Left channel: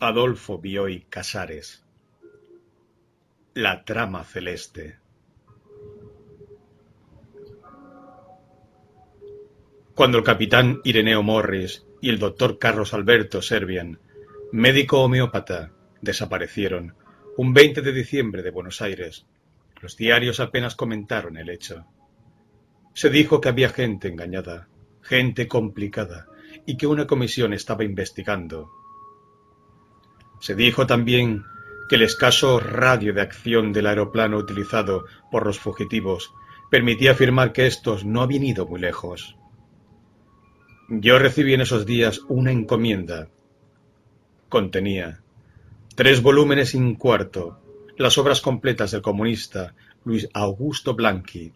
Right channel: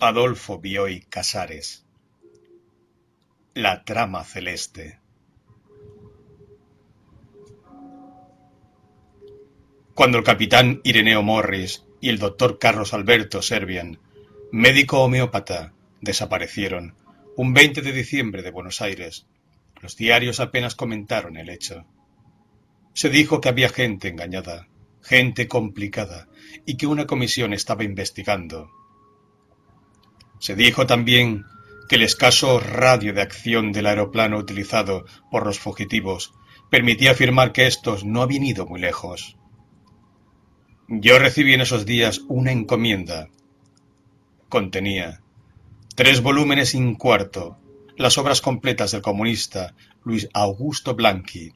Adolfo Bioy Casares. La trama celeste. Cuando el capitán Ireneo Morris y el doctor Carlos Alberto Servian, médico homeópata, desaparecieron un 20 de diciembre de Buenos Aires, los diarios apenas comentaron el hecho. Se dijo que había gente engañada, gente complicada, y que una comisión estaba investigando. Se dijo también que el escaso radio de acción del aeroplano utilizado por los fugitivos permitía afirmar que estos no habían ido muy lejos. Yo recibí en esos días una encomienda. Contenía 3 volúmenes y un cuarto, las obras completas del comunista Luis Augusto Blanqui,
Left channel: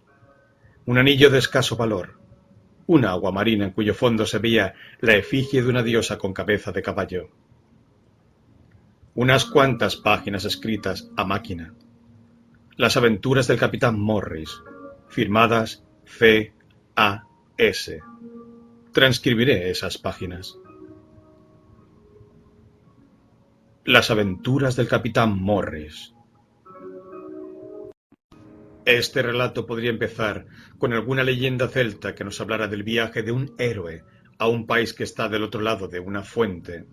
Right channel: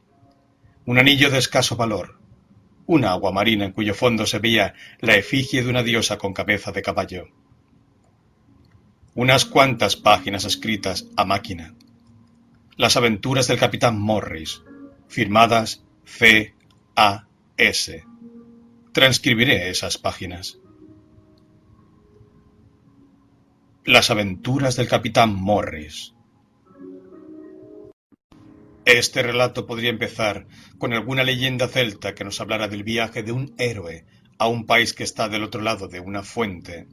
un anillo de escaso valor, una agua marina en cuyo fondo se veía la efigie de una diosa con cabeza de caballo, unas cuantas páginas escritas a máquina, las aventuras del capitán Morris, firmadas C.A.S. Transcribiré esas páginas. Las aventuras del capitán Morris. Este relato podría empezar con alguna leyenda celta que nos hablara del viaje de un héroe a un país que está del otro lado de una fuente,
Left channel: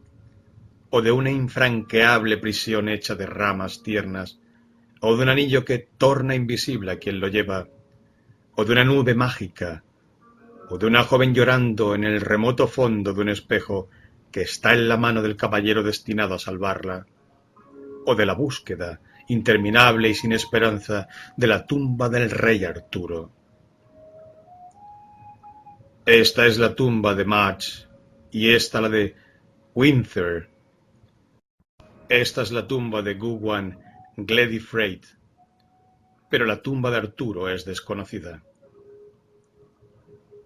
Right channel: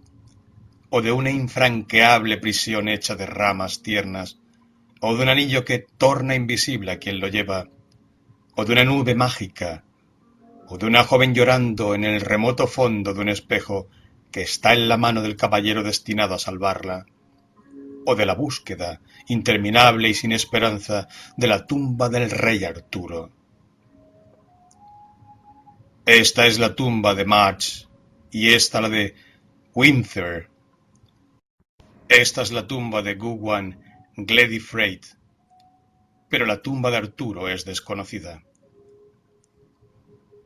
o de una infranqueable prisión hecha de ramas tiernas, o de un anillo que torna invisible a quien lo lleva, o de una nube mágica, o de una joven llorando en el remoto fondo de un espejo que está en la mano del caballero destinado a salvarla, o de la búsqueda interminable y sin esperanza de la tumba del rey Arturo. Esta es la tumba de Madge, y esta la de Winther. Esta es la tumba de Gugwan Gledifreit, pero la tumba de Arturo es desconocida.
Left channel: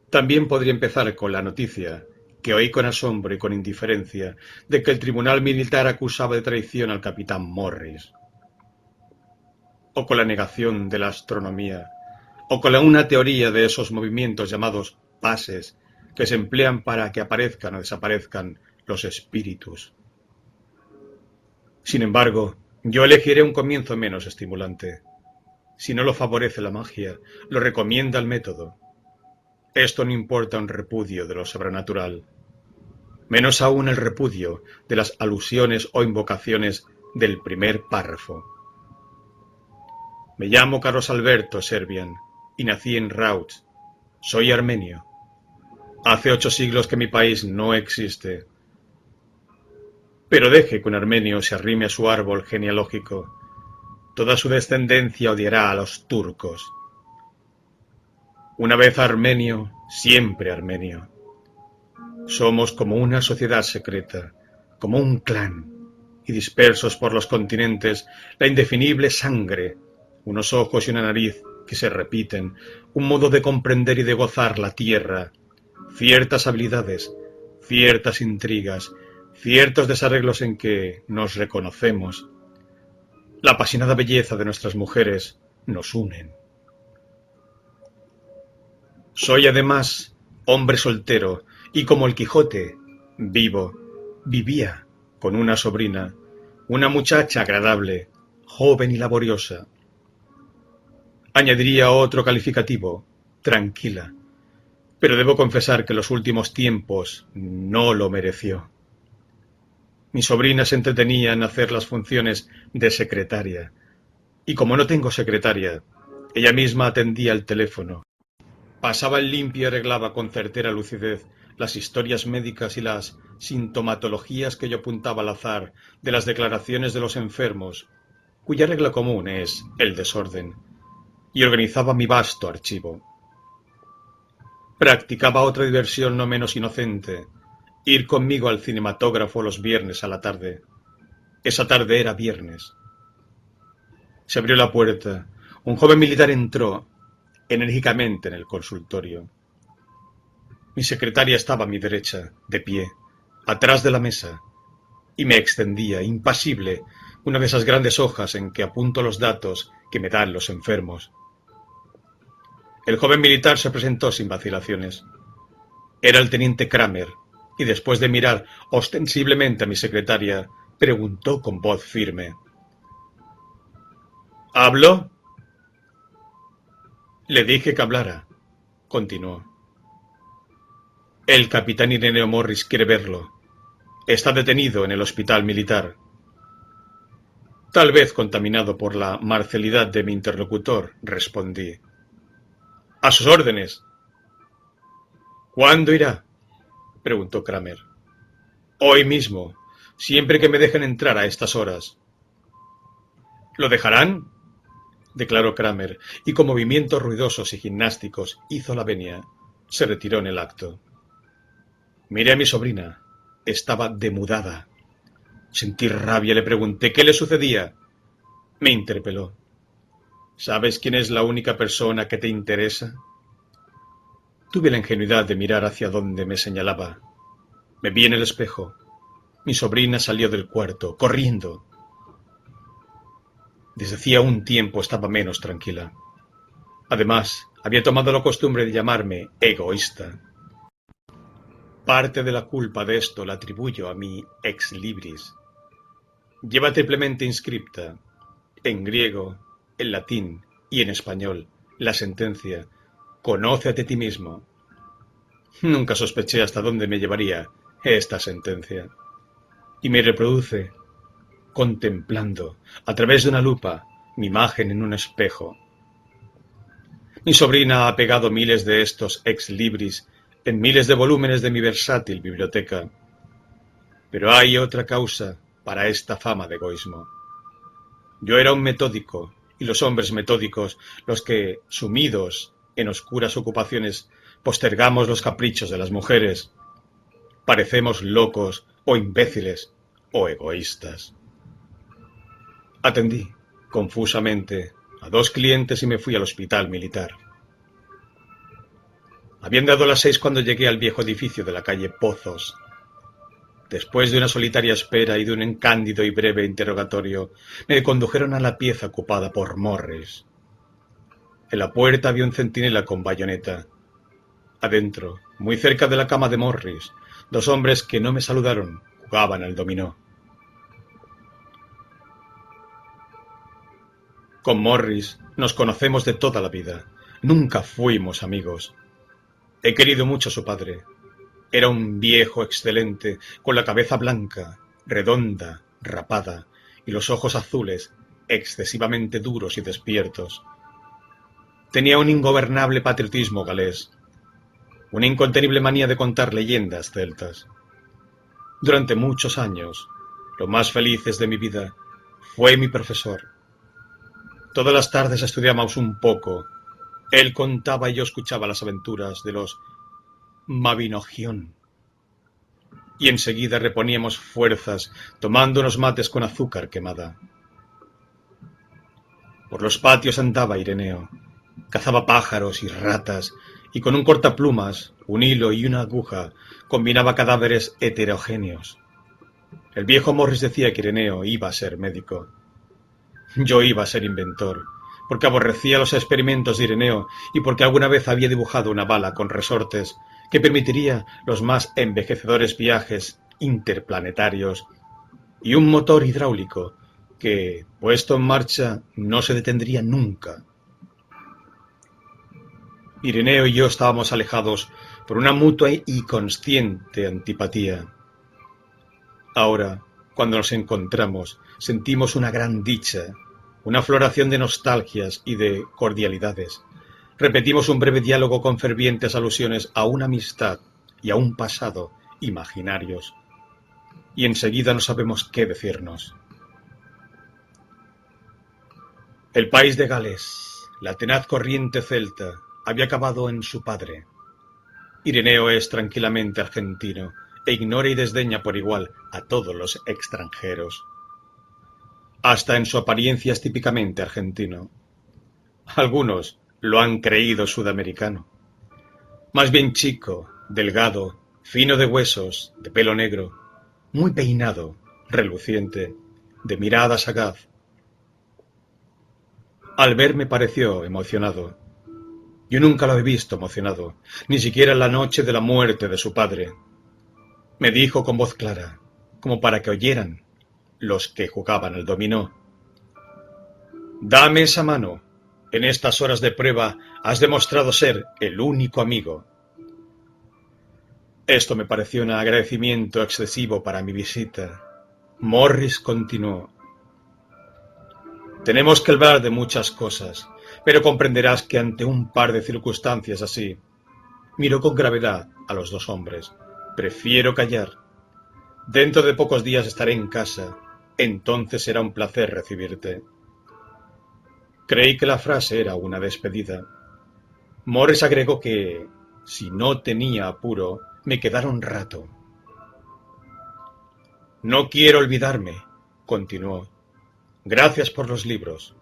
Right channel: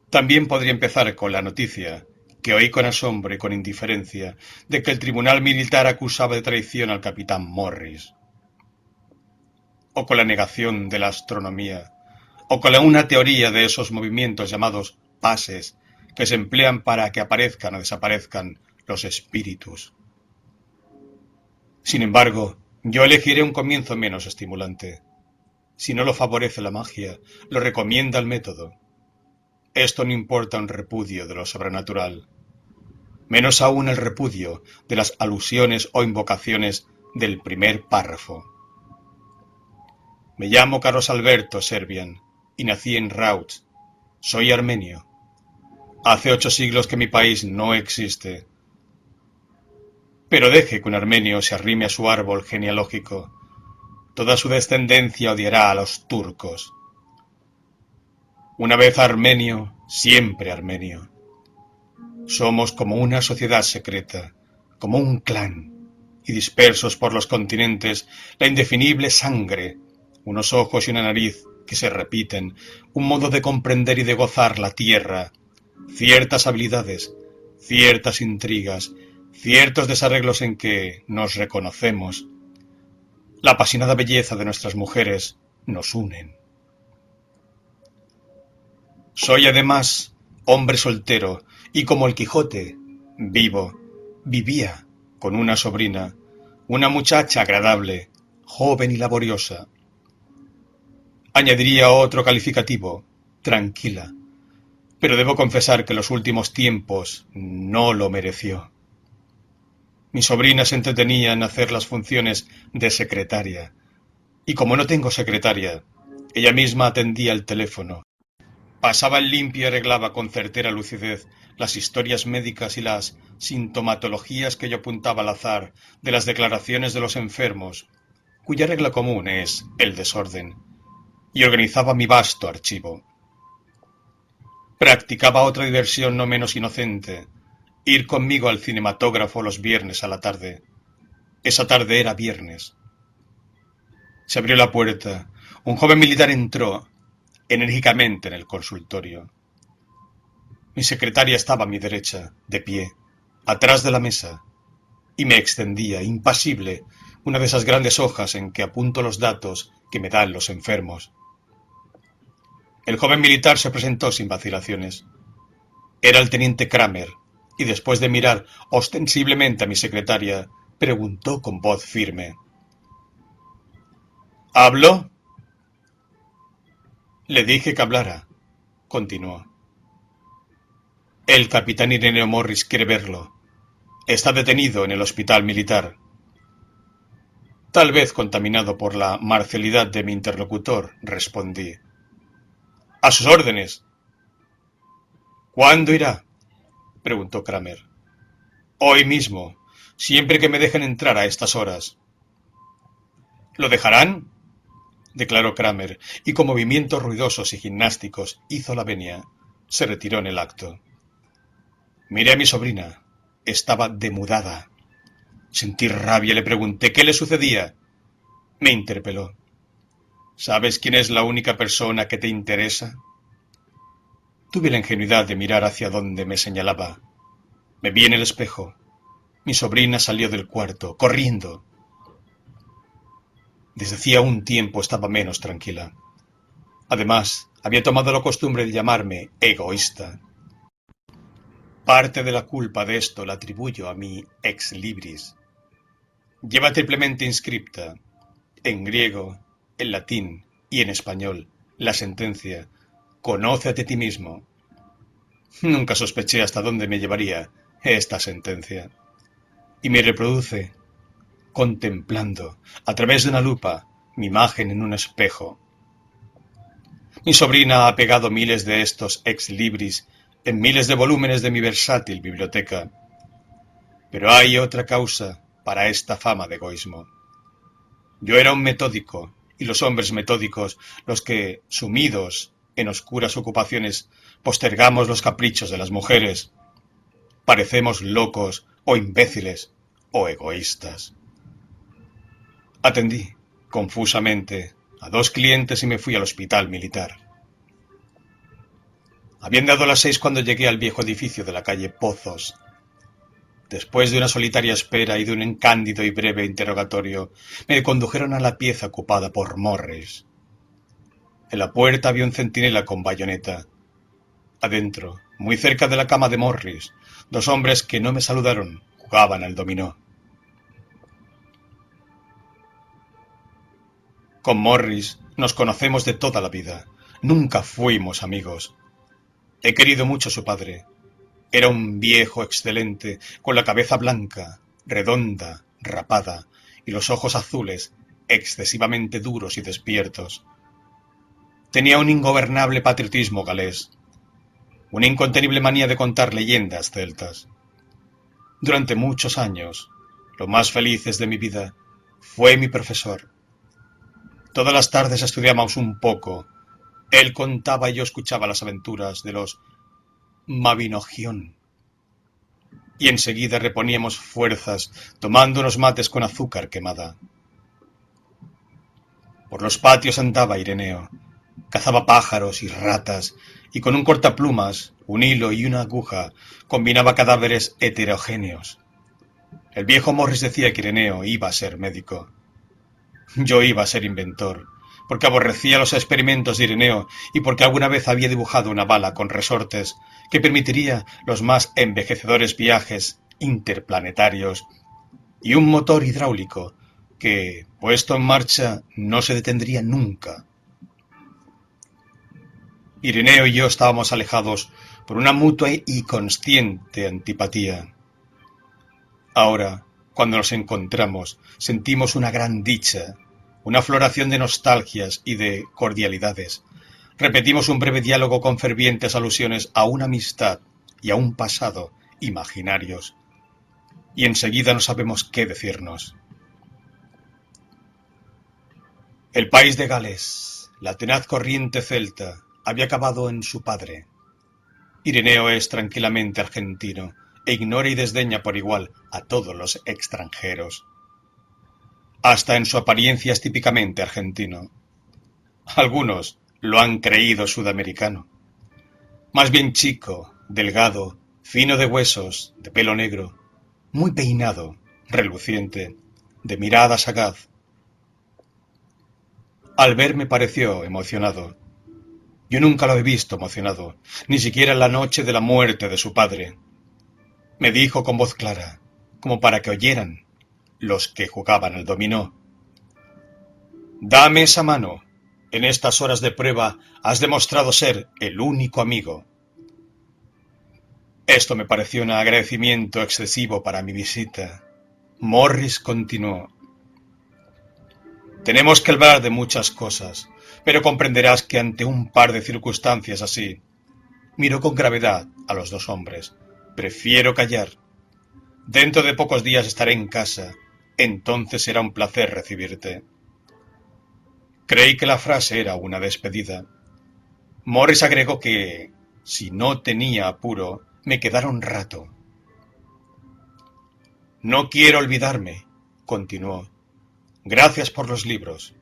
También podría empezar con la noticia, que oí con asombro y con indiferencia, de que el tribunal militar acusaba de traición al capitán Morris. O con la negación de la astronomía, o con una teoría de esos movimientos llamados pases, que se emplean para que aparezcan o desaparezcan los espíritus. Sin embargo, yo elegiré un comienzo menos estimulante. Si no lo favorece la magia, lo recomienda el método. Esto no importa un repudio de lo sobrenatural, menos aún el repudio de las alusiones o invocaciones del primer párrafo. Me llamo Carlos Alberto Servian y nací en Rauch. Soy armenio. Hace 8 siglos que mi país no existe. Pero deje que un armenio se arrime a su árbol genealógico. Toda su descendencia odiará a los turcos. Una vez armenio, siempre armenio. Somos como una sociedad secreta, como un clan, y dispersos por los continentes, la indefinible sangre, unos ojos y una nariz que se repiten, un modo de comprender y de gozar la tierra, ciertas habilidades, ciertas intrigas, ciertos desarreglos en que nos reconocemos. La apasionada belleza de nuestras mujeres nos unen. Soy además hombre soltero y como el Quijote, vivía con una sobrina, una muchacha agradable, joven y laboriosa. Añadiría otro calificativo, tranquila, pero debo confesar que en los últimos tiempos no lo mereció. Mi sobrina se entretenía en hacer las funciones de secretaria, y como no tengo secretaria, ella misma atendía el teléfono. Pasaba en limpio y arreglaba con certera lucidez las historias médicas y las sintomatologías que yo apuntaba al azar de las declaraciones de los enfermos, cuya regla común es el desorden, y organizaba mi vasto archivo. Practicaba otra diversión no menos inocente, ir conmigo al cinematógrafo los viernes a la tarde. Esa tarde era viernes. Se abrió la puerta. Un joven militar entró enérgicamente en el consultorio. Mi secretaria estaba a mi derecha, de pie, atrás de la mesa, y me extendía, impasible, una de esas grandes hojas en que apunto los datos que me dan los enfermos. El joven militar se presentó sin vacilaciones. Era el teniente Kramer, y después de mirar ostensiblemente a mi secretaria, Preguntó con voz firme. ¿Hablo? Le dije que hablara, continuó. El capitán Ireneo Morris quiere verlo. Está detenido en el hospital militar. Tal vez contaminado por la marcialidad de mi interlocutor, respondí. A sus órdenes. ¿Cuándo irá? Preguntó Kramer. Hoy mismo, siempre que me dejen entrar a estas horas. ¿Lo dejarán? Declaró Kramer, y con movimientos ruidosos y gimnásticos hizo la venia. Se retiró en el acto. Miré a mi sobrina. Estaba demudada. Sentí rabia y le pregunté qué le sucedía. Me interpeló. ¿Sabes quién es la única persona que te interesa? Tuve la ingenuidad de mirar hacia donde me señalaba. Me vi en el espejo. Mi sobrina salió del cuarto, corriendo. Desde hacía un tiempo estaba menos tranquila. Además, había tomado la costumbre de llamarme egoísta. Parte de la culpa de esto la atribuyo a mi ex libris. Lleva triplemente inscripta, en griego, en latín y en español, la sentencia: conócete a ti mismo. Nunca sospeché hasta dónde me llevaría esta sentencia. Y me reproduce, contemplando, a través de una lupa, mi imagen en un espejo. Mi sobrina ha pegado miles de estos ex libris en miles de volúmenes de mi versátil biblioteca. Pero hay otra causa para esta fama de egoísmo. Yo era un metódico, y los hombres metódicos, los que, sumidos en oscuras ocupaciones, postergamos los caprichos de las mujeres, parecemos locos o imbéciles o egoístas. Atendí, confusamente, a 2 clientes y me fui al hospital militar. Habían dado las 6 cuando llegué al viejo edificio de la calle Pozos. Después de una solitaria espera y de un cándido y breve interrogatorio, me condujeron a la pieza ocupada por Morris. En la puerta había un centinela con bayoneta. Adentro, muy cerca de la cama de Morris, 2 hombres que no me saludaron jugaban al dominó. Con Morris nos conocemos de toda la vida. Nunca fuimos amigos. He querido mucho a su padre. Era un viejo excelente, con la cabeza blanca, redonda, rapada, y los ojos azules, excesivamente duros y despiertos. Tenía un ingobernable patriotismo galés, una incontenible manía de contar leyendas celtas. Durante muchos años, lo más felices de mi vida, fue mi profesor. Todas las tardes estudiábamos un poco. Él contaba y yo escuchaba las aventuras de los Mabinogión. Y enseguida reponíamos fuerzas tomando unos mates con azúcar quemada. Por los patios andaba Ireneo. Cazaba pájaros y ratas, y con un cortaplumas, un hilo y una aguja combinaba cadáveres heterogéneos. El viejo Morris decía que Ireneo iba a ser médico. Yo iba a ser inventor, porque aborrecía los experimentos de Ireneo y porque alguna vez había dibujado una bala con resortes que permitiría los más envejecedores viajes interplanetarios y un motor hidráulico que, puesto en marcha, no se detendría nunca. Ireneo y yo estábamos alejados por una mutua y consciente antipatía. Ahora, cuando nos encontramos, sentimos una gran dicha, una floración de nostalgias y de cordialidades. Repetimos un breve diálogo con fervientes alusiones a una amistad y a un pasado imaginarios. Y enseguida no sabemos qué decirnos. El país de Gales, la tenaz corriente celta, había acabado en su padre. Ireneo es tranquilamente argentino e ignora y desdeña por igual a todos los extranjeros. Hasta en su apariencia es típicamente argentino. Algunos lo han creído sudamericano. Más bien chico, delgado, fino de huesos, de pelo negro, muy peinado, reluciente, de mirada sagaz. Al verme pareció emocionado. Yo nunca lo he visto emocionado, ni siquiera en la noche de la muerte de su padre. Me dijo con voz clara, como para que oyeran: los que jugaban al dominó. Dame esa mano. En estas horas de prueba has demostrado ser el único amigo. Esto me pareció un agradecimiento excesivo para mi visita. Morris continuó. Tenemos que hablar de muchas cosas, pero comprenderás que ante un par de circunstancias así, miró con gravedad a los dos hombres. Prefiero callar. Dentro de pocos días estaré en casa. Entonces será un placer recibirte. Creí que la frase era una despedida. Morris agregó que, si no tenía apuro, me quedara un rato. No quiero olvidarme, continuó. Gracias por los libros.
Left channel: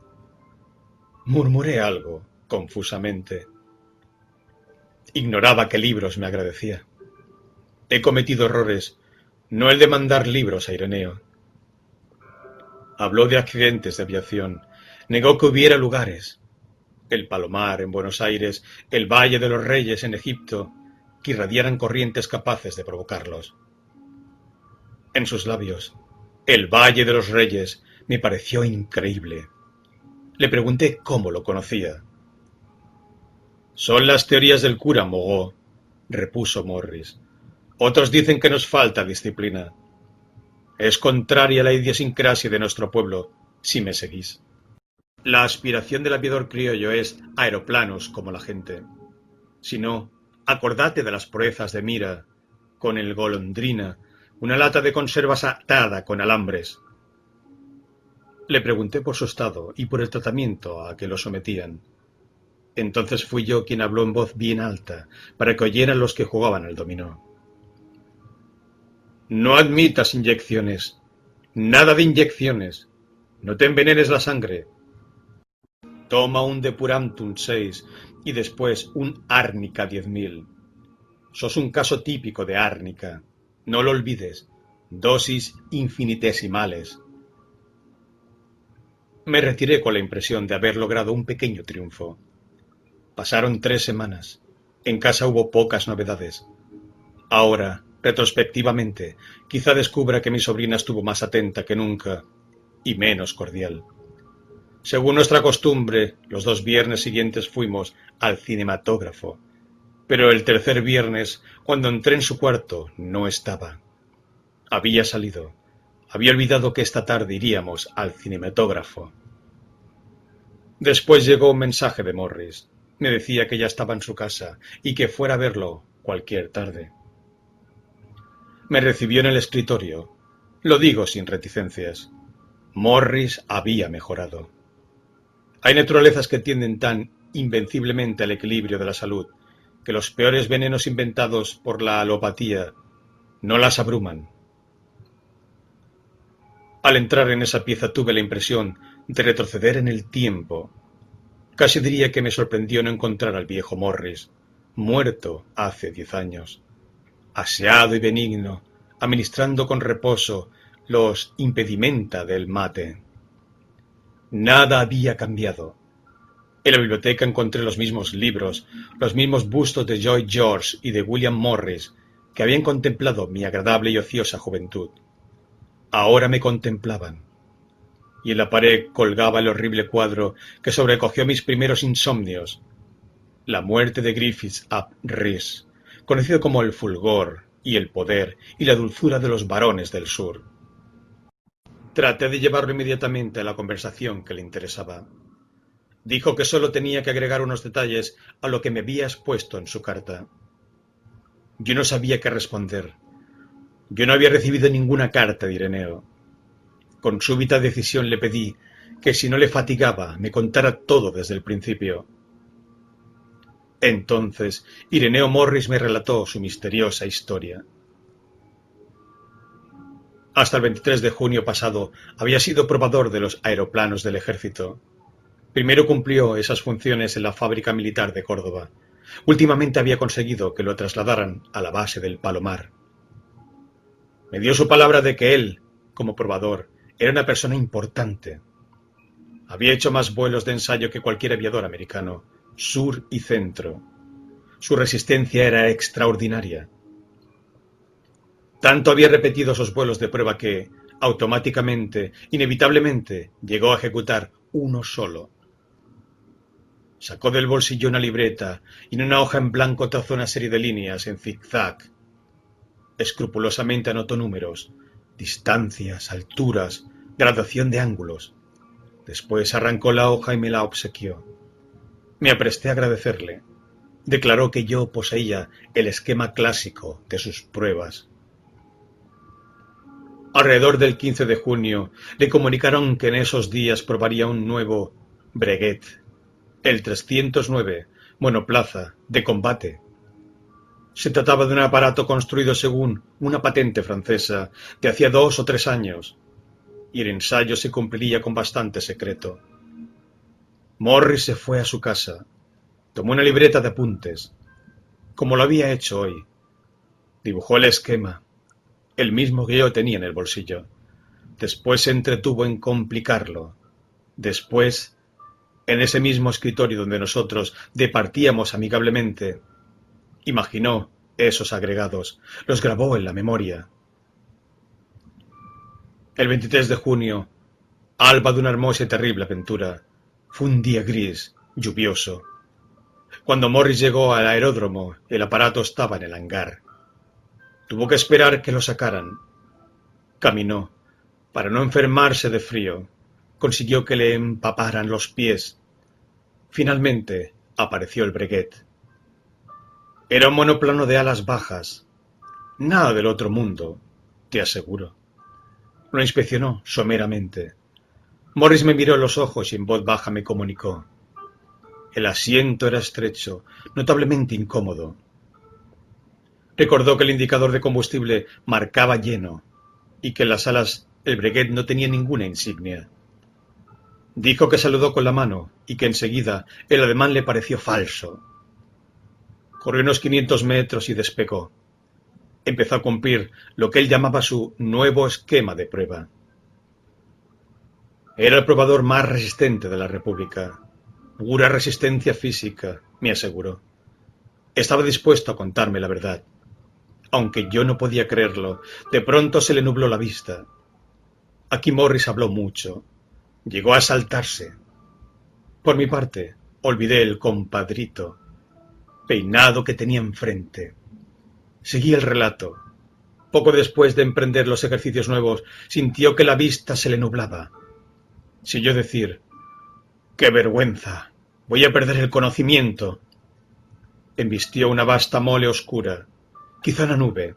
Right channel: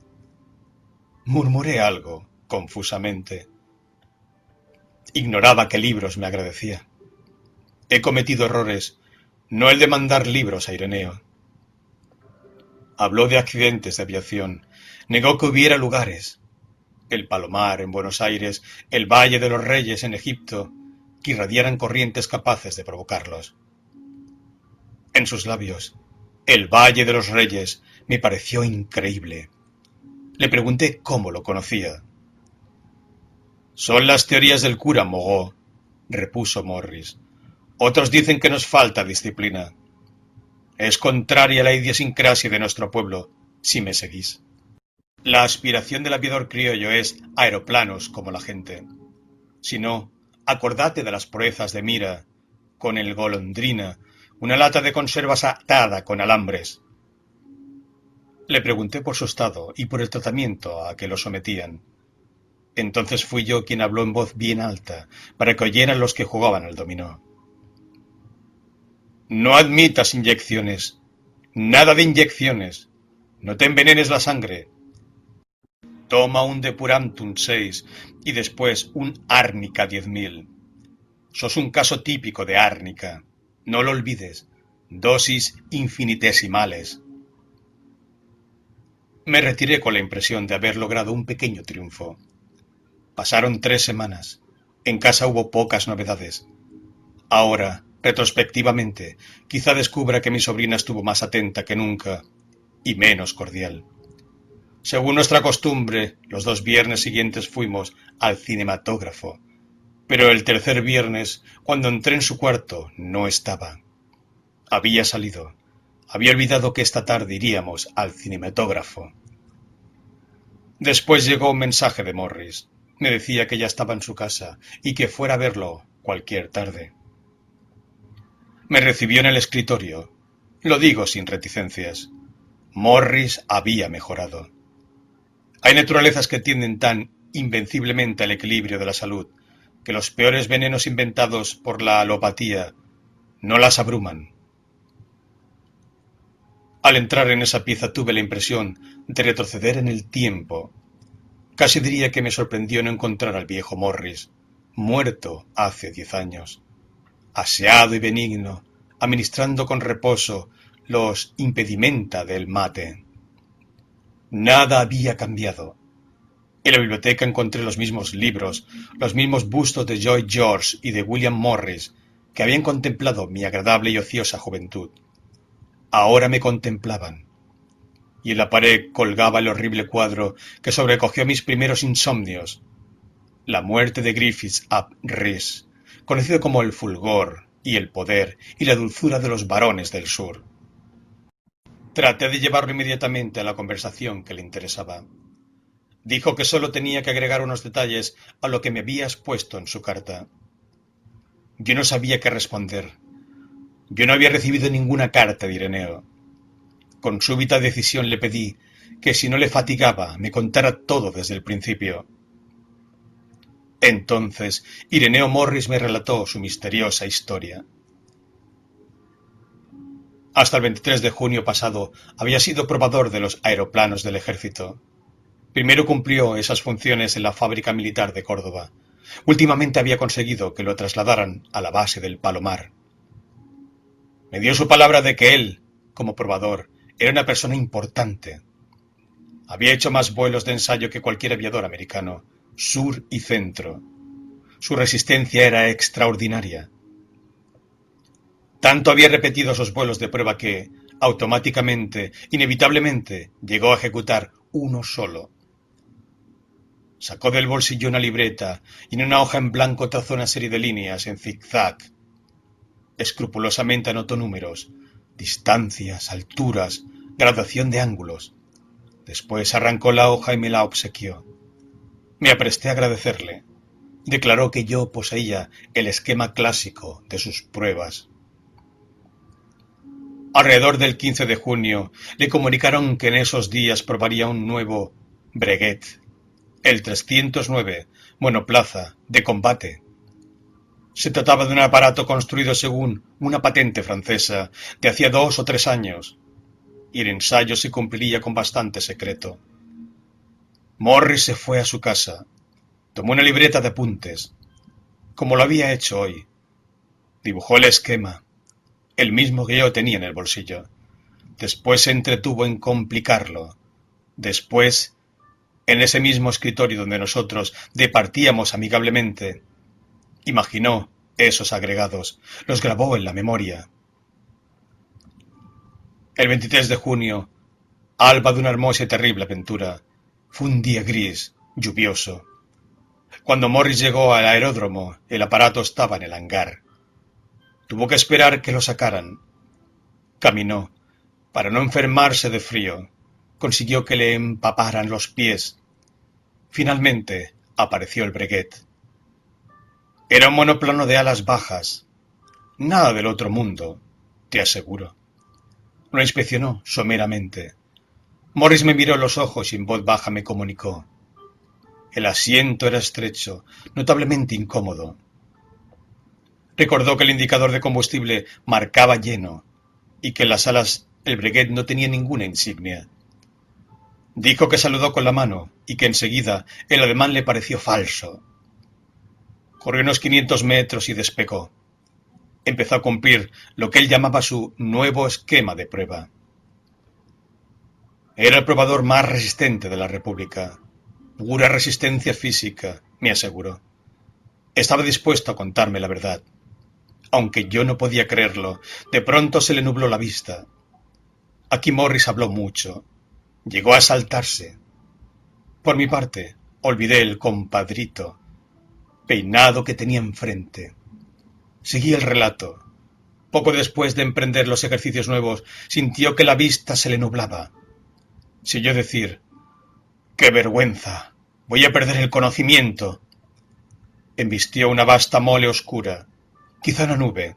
Murmuré algo, confusamente. Ignoraba qué libros me agradecía. He cometido errores, no el de mandar libros a Ireneo. Habló de accidentes de aviación, negó que hubiera lugares. El Palomar en Buenos Aires, el Valle de los Reyes en Egipto, que irradiaran corrientes capaces de provocarlos. En sus labios, el Valle de los Reyes me pareció increíble. Le pregunté cómo lo conocía. Son las teorías del cura Mogó, repuso Morris. Otros dicen que nos falta disciplina. Es contraria a la idiosincrasia de nuestro pueblo, si me seguís. La aspiración del aviador criollo es aeroplanos como la gente. Si no, acordate de las proezas de Mira, con el Golondrina, una lata de conservas atada con alambres. Le pregunté por su estado y por el tratamiento a que lo sometían. Entonces fui yo quien habló en voz bien alta, para que oyeran los que jugaban al dominó. No admitas inyecciones. Nada de inyecciones. No te envenenes la sangre. Toma un Depurantum 6 y después un Árnica 10.000. Sos un caso típico de árnica. No lo olvides. Dosis infinitesimales. Me retiré con la impresión de haber logrado un pequeño triunfo. Pasaron 3 semanas. En casa hubo pocas novedades. Ahora, retrospectivamente, quizá descubra que mi sobrina estuvo más atenta que nunca y menos cordial. Según nuestra costumbre, los 2 viernes siguientes fuimos al cinematógrafo, pero el tercer viernes, cuando entré en su cuarto, no estaba. Había salido. Había olvidado que esta tarde iríamos al cinematógrafo. Después llegó un mensaje de Morris. Me decía que ya estaba en su casa y que fuera a verlo cualquier tarde. Me recibió en el escritorio. Lo digo sin reticencias. Morris había mejorado. Hay naturalezas que tienden tan invenciblemente al equilibrio de la salud que los peores venenos inventados por la alopatía no las abruman. Al entrar en esa pieza tuve la impresión de retroceder en el tiempo. Casi diría que me sorprendió no encontrar al viejo Morris, muerto hace 10 años, aseado y benigno, administrando con reposo los impedimenta del mate. Nada había cambiado. En la biblioteca encontré los mismos libros, los mismos bustos de Lloyd George y de William Morris que habían contemplado mi agradable y ociosa juventud. Ahora me contemplaban, y en la pared colgaba el horrible cuadro que sobrecogió mis primeros insomnios, la muerte de Griffiths ap Rhys, conocido como el fulgor y el poder y la dulzura de los varones del sur. Traté de llevarlo inmediatamente a la conversación que le interesaba. Dijo que solo tenía que agregar unos detalles a lo que me había expuesto en su carta. Yo no sabía qué responder. Yo no había recibido ninguna carta de Ireneo. Con súbita decisión le pedí que si no le fatigaba me contara todo desde el principio. Entonces Ireneo Morris me relató su misteriosa historia. Hasta el 23 de junio pasado había sido probador de los aeroplanos del ejército. Primero cumplió esas funciones en la fábrica militar de Córdoba. Últimamente había conseguido que lo trasladaran a la base del Palomar. Me dio su palabra de que él, como probador, era una persona importante. Había hecho más vuelos de ensayo que cualquier aviador americano, sur y centro. Su resistencia era extraordinaria. Tanto había repetido esos vuelos de prueba que, automáticamente, inevitablemente, llegó a ejecutar uno solo. Sacó del bolsillo una libreta y en una hoja en blanco trazó una serie de líneas en zigzag. Escrupulosamente anotó números, distancias, alturas, graduación de ángulos. Después arrancó la hoja y me la obsequió. Me apresté a agradecerle. Declaró que yo poseía el esquema clásico de sus pruebas. Alrededor del 15 de junio le comunicaron que en esos días probaría un nuevo Breguet, el 309, monoplaza, de combate. Se trataba de un aparato construido según una patente francesa de hacía 2 o 3 años, y el ensayo se cumpliría con bastante secreto. Morris se fue a su casa, tomó una libreta de apuntes, como lo había hecho hoy. Dibujó el esquema, el mismo que yo tenía en el bolsillo. Después se entretuvo en complicarlo. Después, en ese mismo escritorio donde nosotros departíamos amigablemente, imaginó esos agregados, los grabó en la memoria. El 23 de junio, alba de una hermosa y terrible aventura, fue un día gris, lluvioso. Cuando Morris llegó al aeródromo, el aparato estaba en el hangar. Tuvo que esperar que lo sacaran. Caminó. Para no enfermarse de frío, consiguió que le empaparan los pies. Finalmente apareció el Breguet. Era un monoplano de alas bajas. Nada del otro mundo, te aseguro. Lo inspeccionó someramente. Morris me miró a los ojos y en voz baja me comunicó. El asiento era estrecho, notablemente incómodo. Recordó que el indicador de combustible marcaba lleno y que en las alas el Breguet no tenía ninguna insignia. Dijo que saludó con la mano y que enseguida el ademán le pareció falso. Corrió unos 500 metros y despegó. Empezó a cumplir lo que él llamaba su nuevo esquema de prueba. Era el probador más resistente de la República. Pura resistencia física, me aseguró. Estaba dispuesto a contarme la verdad. Aunque yo no podía creerlo, de pronto se le nubló la vista. Aquí Morris habló mucho. Llegó a exaltarse. Por mi parte, olvidé el compadrito, peinado que tenía enfrente. Seguí el relato. Poco después de emprender los ejercicios nuevos, sintió que la vista se le nublaba. Si oyó decir, ¡qué vergüenza! Voy a perder el conocimiento. Embistió una vasta mole oscura, quizá una nube.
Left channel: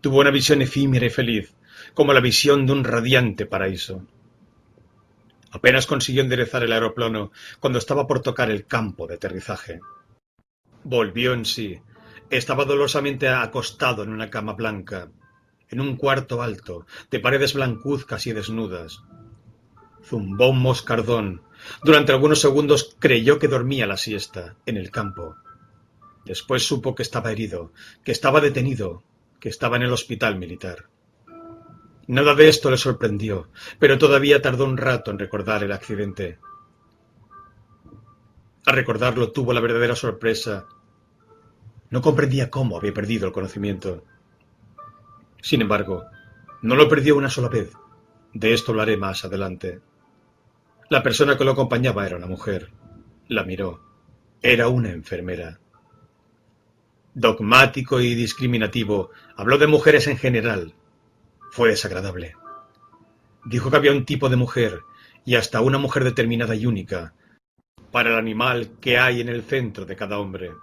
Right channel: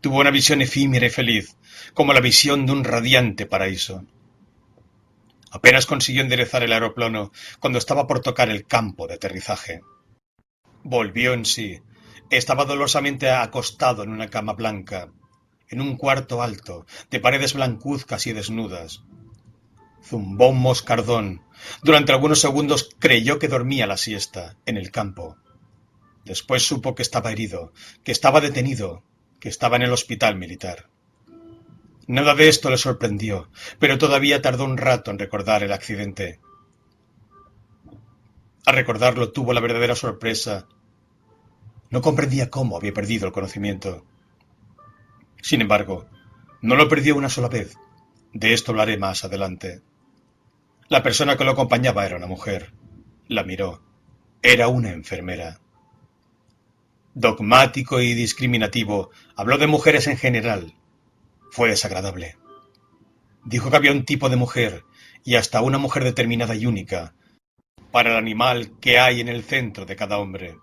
Tuvo una visión efímera y feliz, como la visión de un radiante paraíso. Apenas consiguió enderezar el aeroplano cuando estaba por tocar el campo de aterrizaje. Volvió en sí. Estaba dolorosamente acostado en una cama blanca, en un cuarto alto, de paredes blancuzcas y desnudas. Zumbó un moscardón. Durante algunos segundos creyó que dormía la siesta, en el campo. Después supo que estaba herido, que estaba detenido, que estaba en el hospital militar. Nada de esto le sorprendió, pero todavía tardó un rato en recordar el accidente. Al recordarlo tuvo la verdadera sorpresa. No comprendía cómo había perdido el conocimiento. Sin embargo, no lo perdió una sola vez. De esto hablaré más adelante. La persona que lo acompañaba era una mujer. La miró. Era una enfermera. Dogmático y discriminativo, habló de mujeres en general. Fue desagradable. Dijo que había un tipo de mujer, y hasta una mujer determinada y única, para el animal que hay en el centro de cada hombre.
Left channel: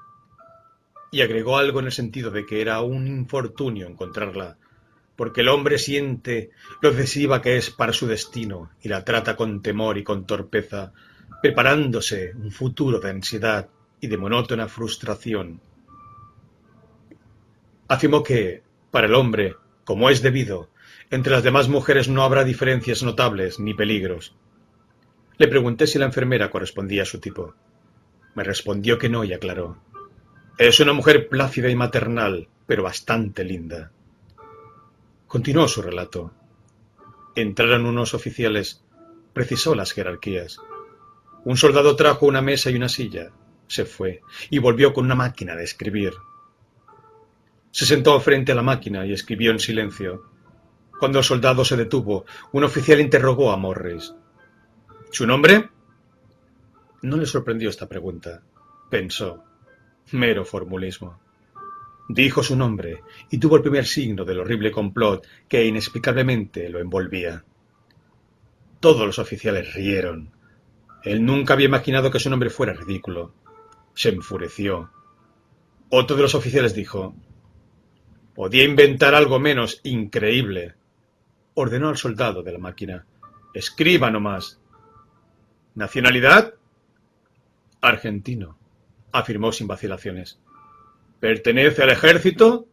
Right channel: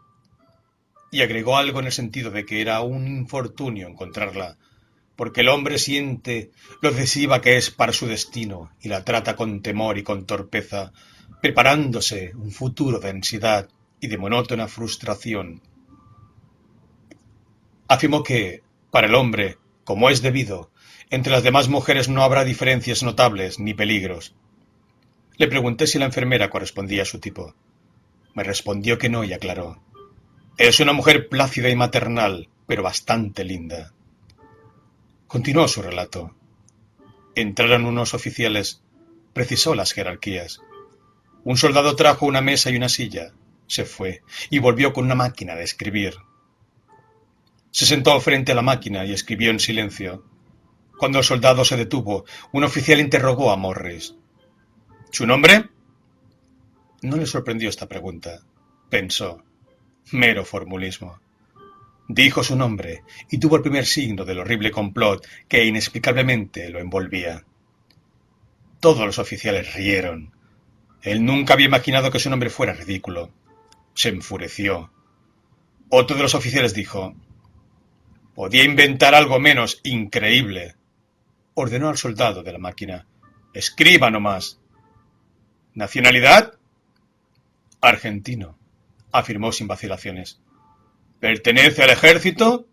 Y agregó algo en el sentido de que era un infortunio encontrarla, porque el hombre siente lo decisiva que es para su destino y la trata con temor y con torpeza, preparándose un futuro de ansiedad y de monótona frustración. Afirmó que, para el hombre, como es debido, entre las demás mujeres no habrá diferencias notables ni peligros. Le pregunté si la enfermera correspondía a su tipo. Me respondió que no y aclaró. Es una mujer plácida y maternal, pero bastante linda. Continuó su relato. Entraron unos oficiales. Precisó las jerarquías. Un soldado trajo una mesa y una silla. Se fue y volvió con una máquina de escribir. Se sentó frente a la máquina y escribió en silencio. Cuando el soldado se detuvo, un oficial interrogó a Morris. ¿Su nombre? No le sorprendió esta pregunta. Pensó. Mero formulismo. Dijo su nombre y tuvo el primer signo del horrible complot que inexplicablemente lo envolvía. Todos los oficiales rieron. Él nunca había imaginado que su nombre fuera ridículo. Se enfureció. Otro de los oficiales dijo: «Podía inventar algo menos increíble». Ordenó al soldado de la máquina: «Escriba nomás». «¿Nacionalidad?» «Argentino», afirmó sin vacilaciones. «¿Pertenece al ejército?»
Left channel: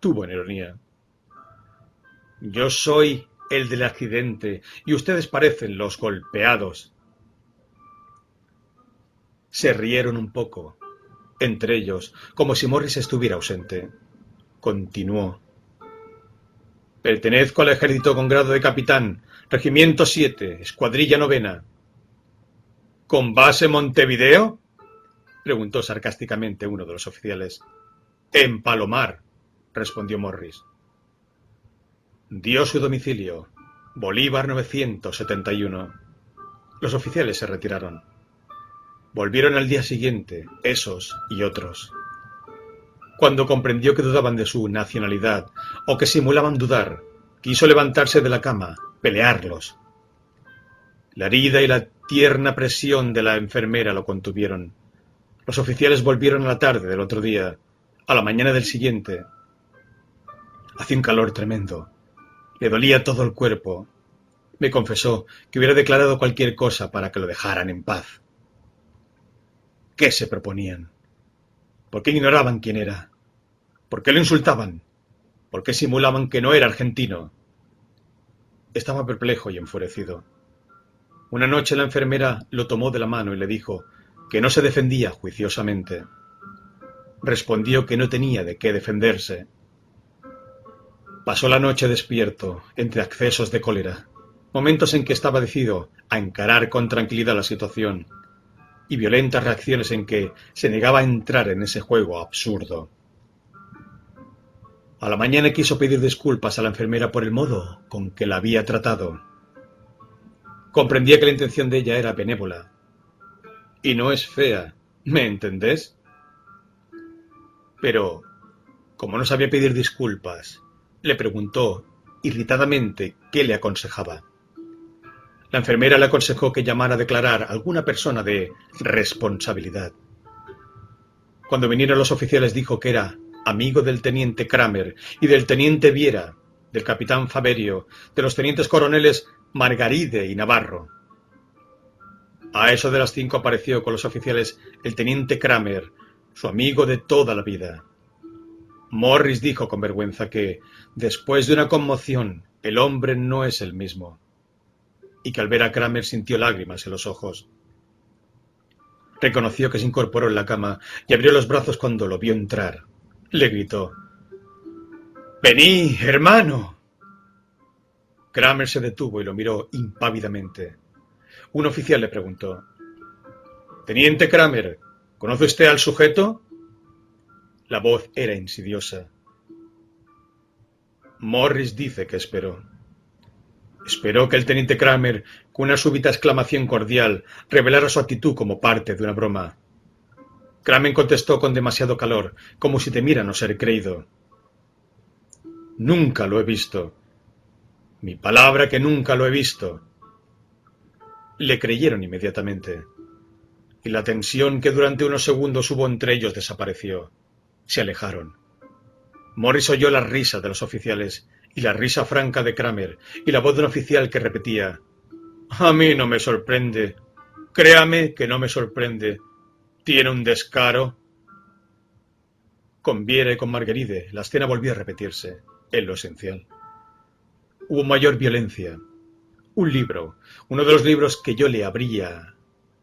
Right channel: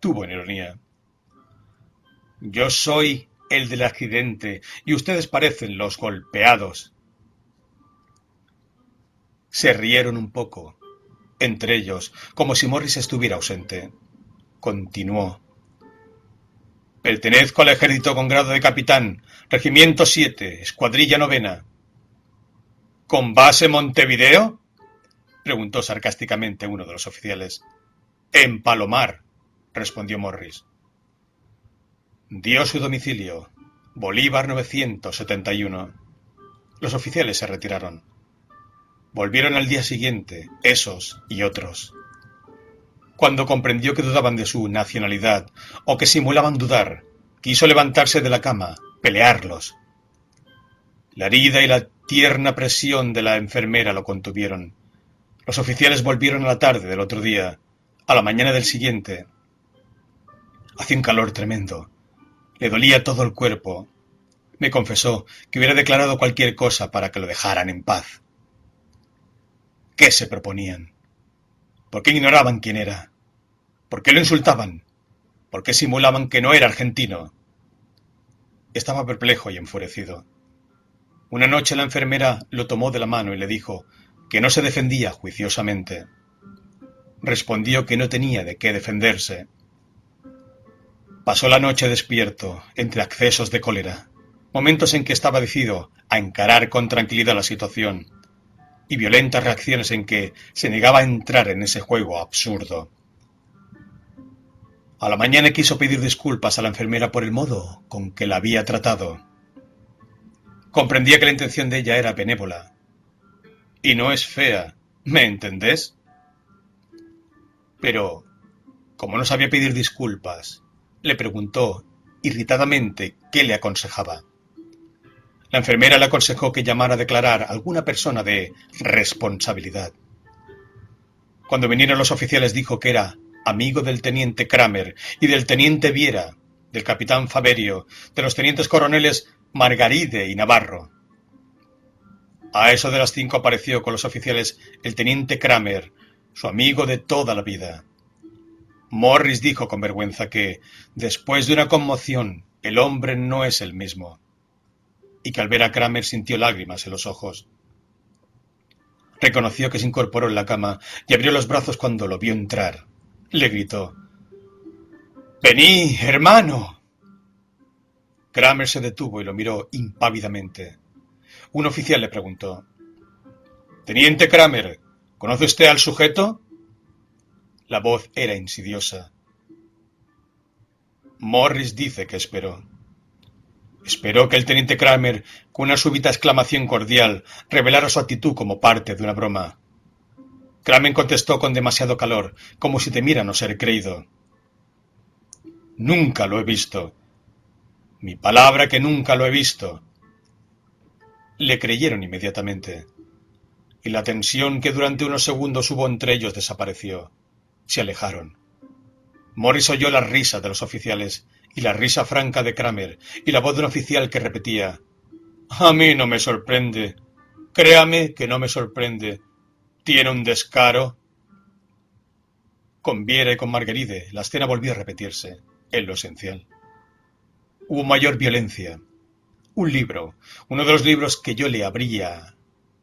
Tuvo en ironía. «Yo soy el del accidente y ustedes parecen los golpeados». Se rieron un poco, entre ellos, como si Morris estuviera ausente. Continuó. «Pertenezco al ejército con grado de capitán, regimiento 7, escuadrilla 9. ¿Con base Montevideo?», preguntó sarcásticamente uno de los oficiales. «En Palomar», respondió Morris. Dio su domicilio, Bolívar 971. Los oficiales se retiraron. Volvieron al día siguiente, esos y otros. Cuando comprendió que dudaban de su nacionalidad o que simulaban dudar, quiso levantarse de la cama, pelearlos. La herida y la tierna presión de la enfermera lo contuvieron. Los oficiales volvieron a la tarde del otro día, a la mañana del siguiente. Hacía un calor tremendo. Le dolía todo el cuerpo. Me confesó que hubiera declarado cualquier cosa para que lo dejaran en paz. ¿Qué se proponían? ¿Por qué ignoraban quién era? ¿Por qué lo insultaban? ¿Por qué simulaban que no era argentino? Estaba perplejo y enfurecido. Una noche la enfermera lo tomó de la mano y le dijo que no se defendía juiciosamente. Respondió que no tenía de qué defenderse. Pasó la noche despierto, entre accesos de cólera, momentos en que estaba decidido a encarar con tranquilidad la situación, y violentas reacciones en que se negaba a entrar en ese juego absurdo. A la mañana quiso pedir disculpas a la enfermera por el modo con que la había tratado. Comprendía que la intención de ella era benévola. Y no es fea, ¿me entendés? Pero, como no sabía pedir disculpas, le preguntó irritadamente qué le aconsejaba. La enfermera le aconsejó que llamara a declarar a alguna persona de responsabilidad. Cuando vinieron los oficiales dijo que era amigo del teniente Kramer y del teniente Viera, del capitán Faberio, de los tenientes coroneles Margaride y Navarro. A eso de las 5 apareció con los oficiales el teniente Kramer, su amigo de toda la vida. Morris dijo con vergüenza que, después de una conmoción, el hombre no es el mismo, y que al ver a Kramer sintió lágrimas en los ojos. Reconoció que se incorporó en la cama y abrió los brazos cuando lo vio entrar. Le gritó: «¡Vení, hermano!». Kramer se detuvo y lo miró impávidamente. Un oficial le preguntó: «Teniente Kramer, ¿conoce usted al sujeto?». La voz era insidiosa. Morris dice que esperó. Esperó que el teniente Kramer, con una súbita exclamación cordial, revelara su actitud como parte de una broma. Kramer contestó con demasiado calor, como si temiera no ser creído: «Nunca lo he visto. Mi palabra que nunca lo he visto». Le creyeron inmediatamente, y la tensión que durante unos segundos hubo entre ellos desapareció. Se alejaron. Morris oyó la risa de los oficiales y la risa franca de Kramer y la voz de un oficial que repetía: «A mí no me sorprende. Créame que no me sorprende. Tiene un descaro». Con Viera y con Margaride la escena volvió a repetirse, en lo esencial. Hubo mayor violencia. Un libro, uno de los libros que yo le habría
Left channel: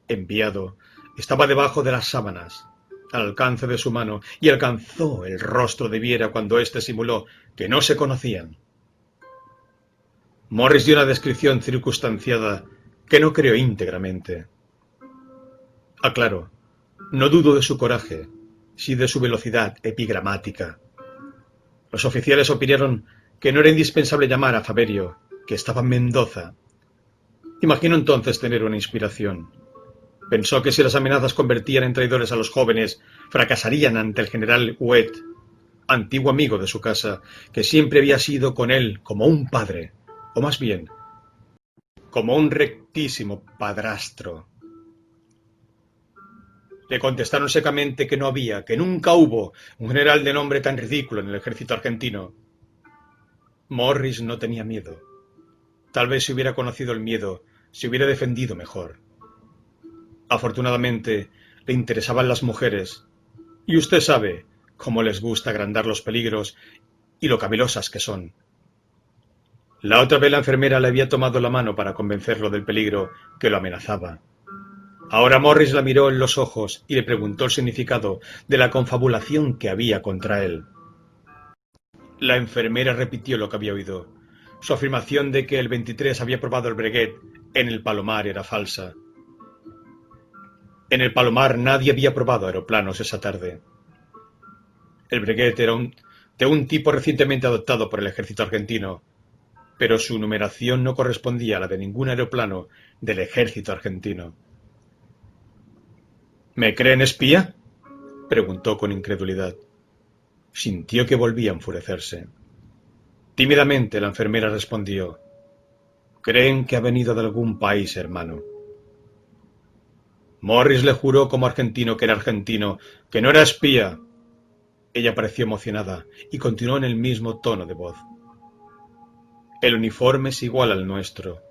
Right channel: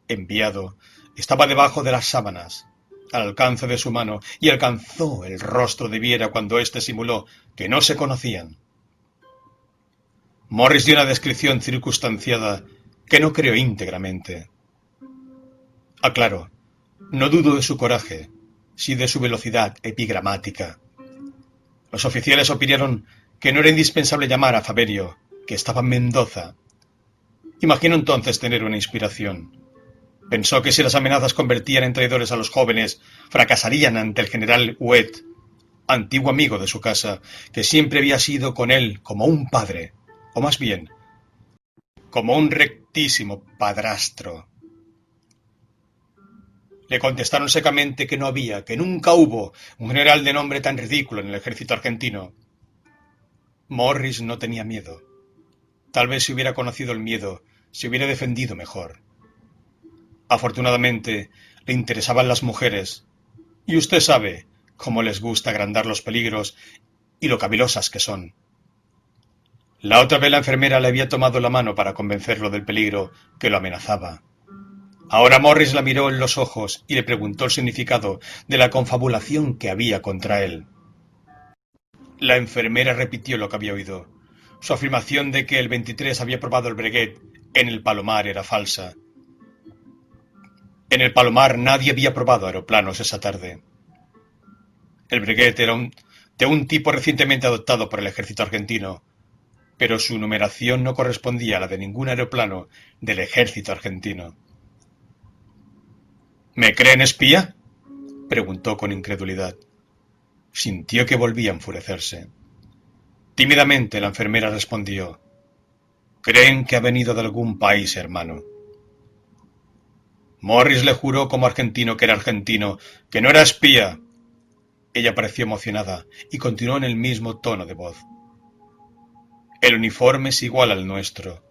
enviado, estaba debajo de las sábanas, al alcance de su mano, y alcanzó el rostro de Viera cuando éste simuló que no se conocían. Morris dio una descripción circunstanciada que no creó íntegramente. Aclaro, no dudo de su coraje, sí de su velocidad epigramática. Los oficiales opinaron que no era indispensable llamar a Faberio, que estaba en Mendoza. Imaginó entonces tener una inspiración. Pensó que si las amenazas convertían en traidores a los jóvenes, fracasarían ante el general Huet, antiguo amigo de su casa, que siempre había sido con él como un padre, o más bien, como un rectísimo padrastro. Le contestaron secamente que no había, que nunca hubo, un general de nombre tan ridículo en el ejército argentino. Morris no tenía miedo. Tal vez si hubiera conocido el miedo, se hubiera defendido mejor. Afortunadamente, le interesaban las mujeres, y usted sabe cómo les gusta agrandar los peligros y lo cavilosas que son. La otra vez la enfermera le había tomado la mano para convencerlo del peligro que lo amenazaba. Ahora Morris la miró en los ojos y le preguntó el significado de la confabulación que había contra él. La enfermera repitió lo que había oído. Su afirmación de que el 23 había probado el Breguet en el Palomar era falsa. En el Palomar nadie había probado aeroplanos esa tarde. El Breguet era de un tipo recientemente adoptado por el ejército argentino, pero su numeración no correspondía a la de ningún aeroplano del ejército argentino. ¿Me creen espía?, preguntó con incredulidad. Sintió que volvía a enfurecerse. Tímidamente la enfermera respondió: «Creen que ha venido de algún país, hermano». Morris le juró como argentino que era argentino, que no era espía. Ella pareció emocionada y continuó en el mismo tono de voz. «El uniforme es igual al nuestro,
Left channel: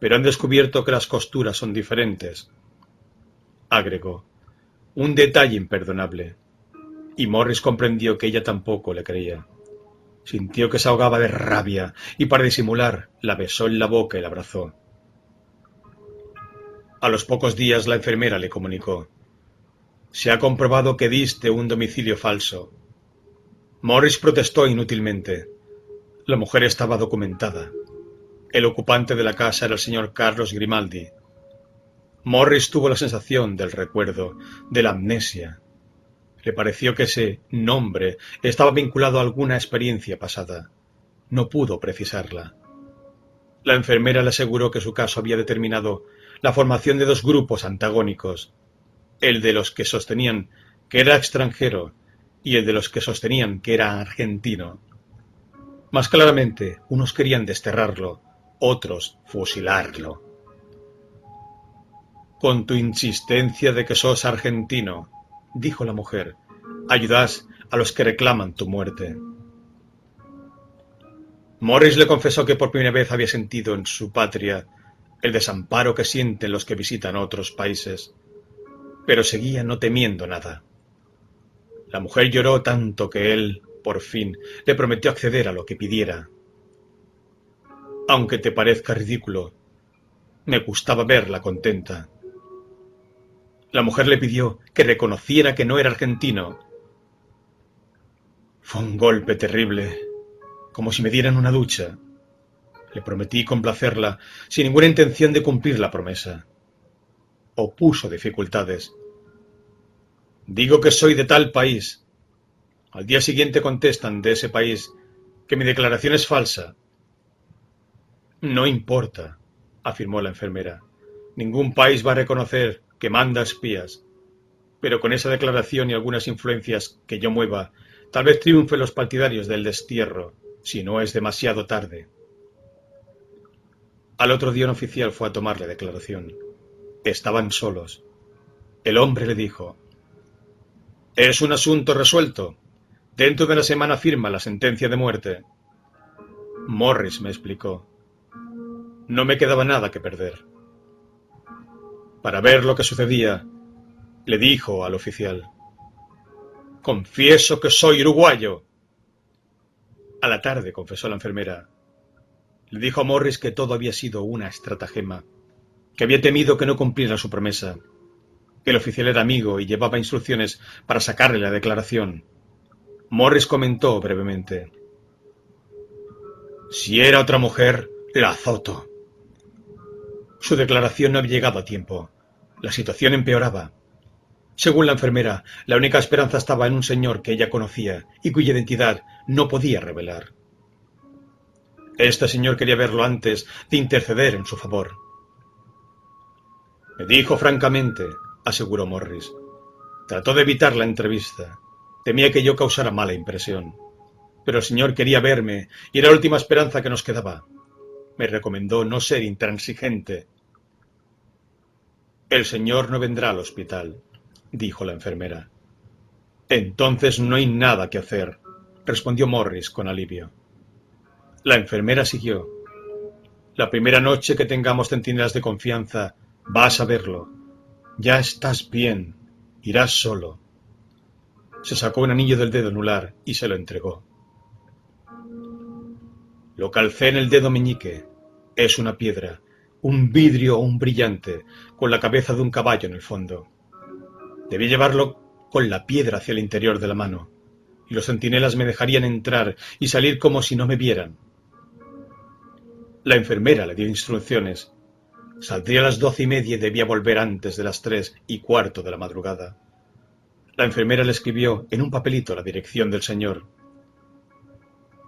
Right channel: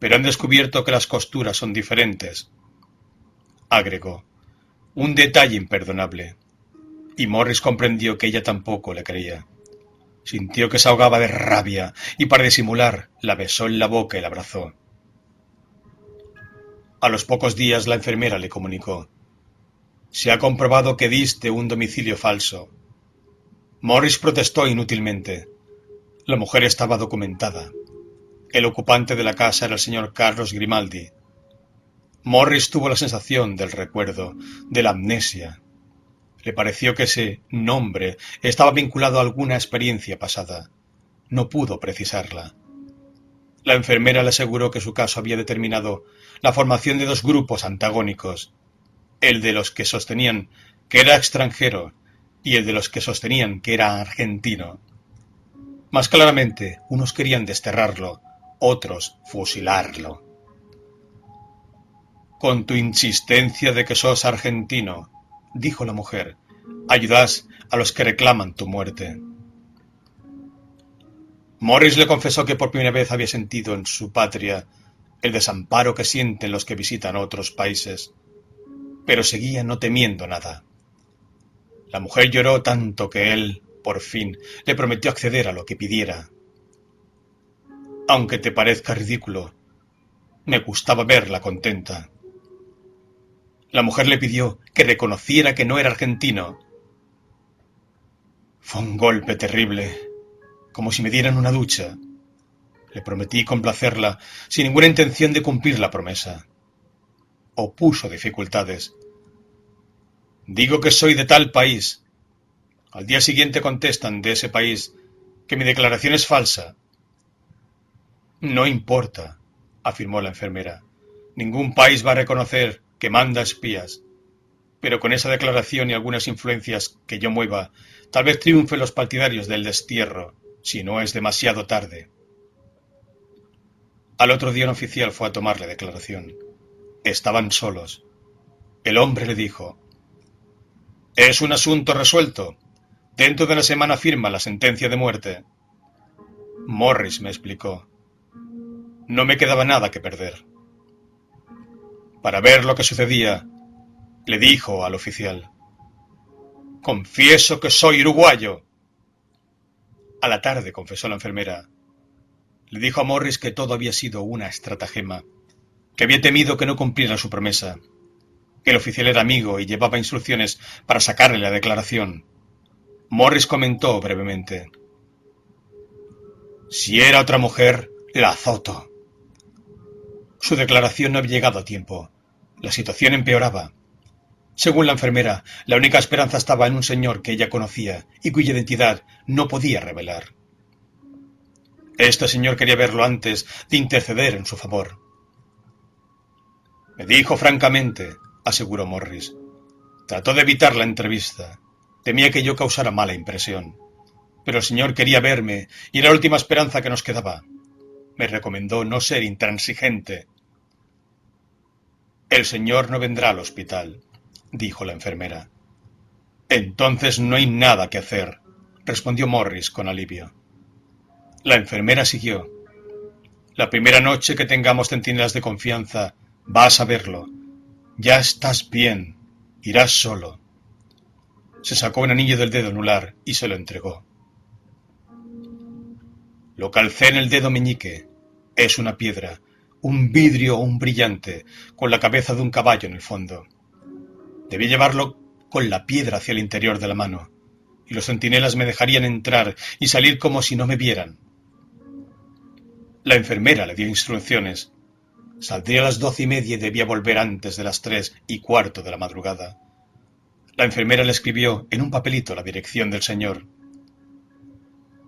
pero han descubierto que las costuras son diferentes», agregó. Un detalle imperdonable. Y Morris comprendió que ella tampoco le creía. Sintió que se ahogaba de rabia y para disimular la besó en la boca y la abrazó. A los pocos días la enfermera le comunicó: «Se ha comprobado que diste un domicilio falso». Morris protestó inútilmente. La mujer estaba documentada. El ocupante de la casa era el señor Carlos Grimaldi. Morris tuvo la sensación del recuerdo, de la amnesia. Le pareció que ese nombre estaba vinculado a alguna experiencia pasada. No pudo precisarla. La enfermera le aseguró que su caso había determinado la formación de dos grupos antagónicos, el de los que sostenían que era extranjero y el de los que sostenían que era argentino. Más claramente, unos querían desterrarlo, otros fusilarlo. «Con tu insistencia de que sos argentino», dijo la mujer, «ayudas a los que reclaman tu muerte». Morris le confesó que por primera vez había sentido en su patria el desamparo que sienten los que visitan otros países, pero seguía no temiendo nada. La mujer lloró tanto que él, por fin, le prometió acceder a lo que pidiera. «Aunque te parezca ridículo, me gustaba verla contenta». La mujer le pidió que reconociera que no era argentino. Fue un golpe terrible, como si me dieran una ducha. Le prometí complacerla, sin ninguna intención de cumplir la promesa. Opuso dificultades. «Digo que soy de tal país». Al día siguiente contestan de ese país que mi declaración es falsa. «No importa», afirmó la enfermera. «Ningún país va a reconocer que manda espías. Pero con esa declaración y algunas influencias que yo mueva, tal vez triunfen los partidarios del destierro, si no es demasiado tarde». Al otro día un oficial fue a tomar la declaración. Estaban solos. El hombre le dijo: «Es un asunto resuelto. Dentro de una semana firma la sentencia de muerte». Morris me explicó. No me quedaba nada que perder. Para ver lo que sucedía, le dijo al oficial: «Confieso que soy uruguayo». A la tarde confesó la enfermera. Le dijo a Morris que todo había sido una estratagema, que había temido que no cumpliera su promesa, que el oficial era amigo y llevaba instrucciones para sacarle la declaración. Morris comentó brevemente: «Si era otra mujer, la azoto». Su declaración no había llegado a tiempo. La situación empeoraba. Según la enfermera, la única esperanza estaba en un señor que ella conocía y cuya identidad no podía revelar. Este señor quería verlo antes de interceder en su favor. Me dijo francamente, aseguró Morris. Trató de evitar la entrevista. Temía que yo causara mala impresión. Pero el señor quería verme y era la última esperanza que nos quedaba. Me recomendó no ser intransigente. El señor no vendrá al hospital, dijo la enfermera. Entonces no hay nada que hacer, respondió Morris con alivio. La enfermera siguió. La primera noche que tengamos centinelas de confianza, vas a verlo. Ya estás bien. Irás solo. Se sacó un anillo del dedo anular y se lo entregó. Lo calcé en el dedo meñique. Es una piedra, un vidrio o un brillante, con la cabeza de un caballo en el fondo. Debí llevarlo con la piedra hacia el interior de la mano, y los centinelas me dejarían entrar y salir como si no me vieran. La enfermera le dio instrucciones. Saldría a las 12:30 y debía volver antes de las 3:15 de la madrugada. La enfermera le escribió en un papelito la dirección del señor.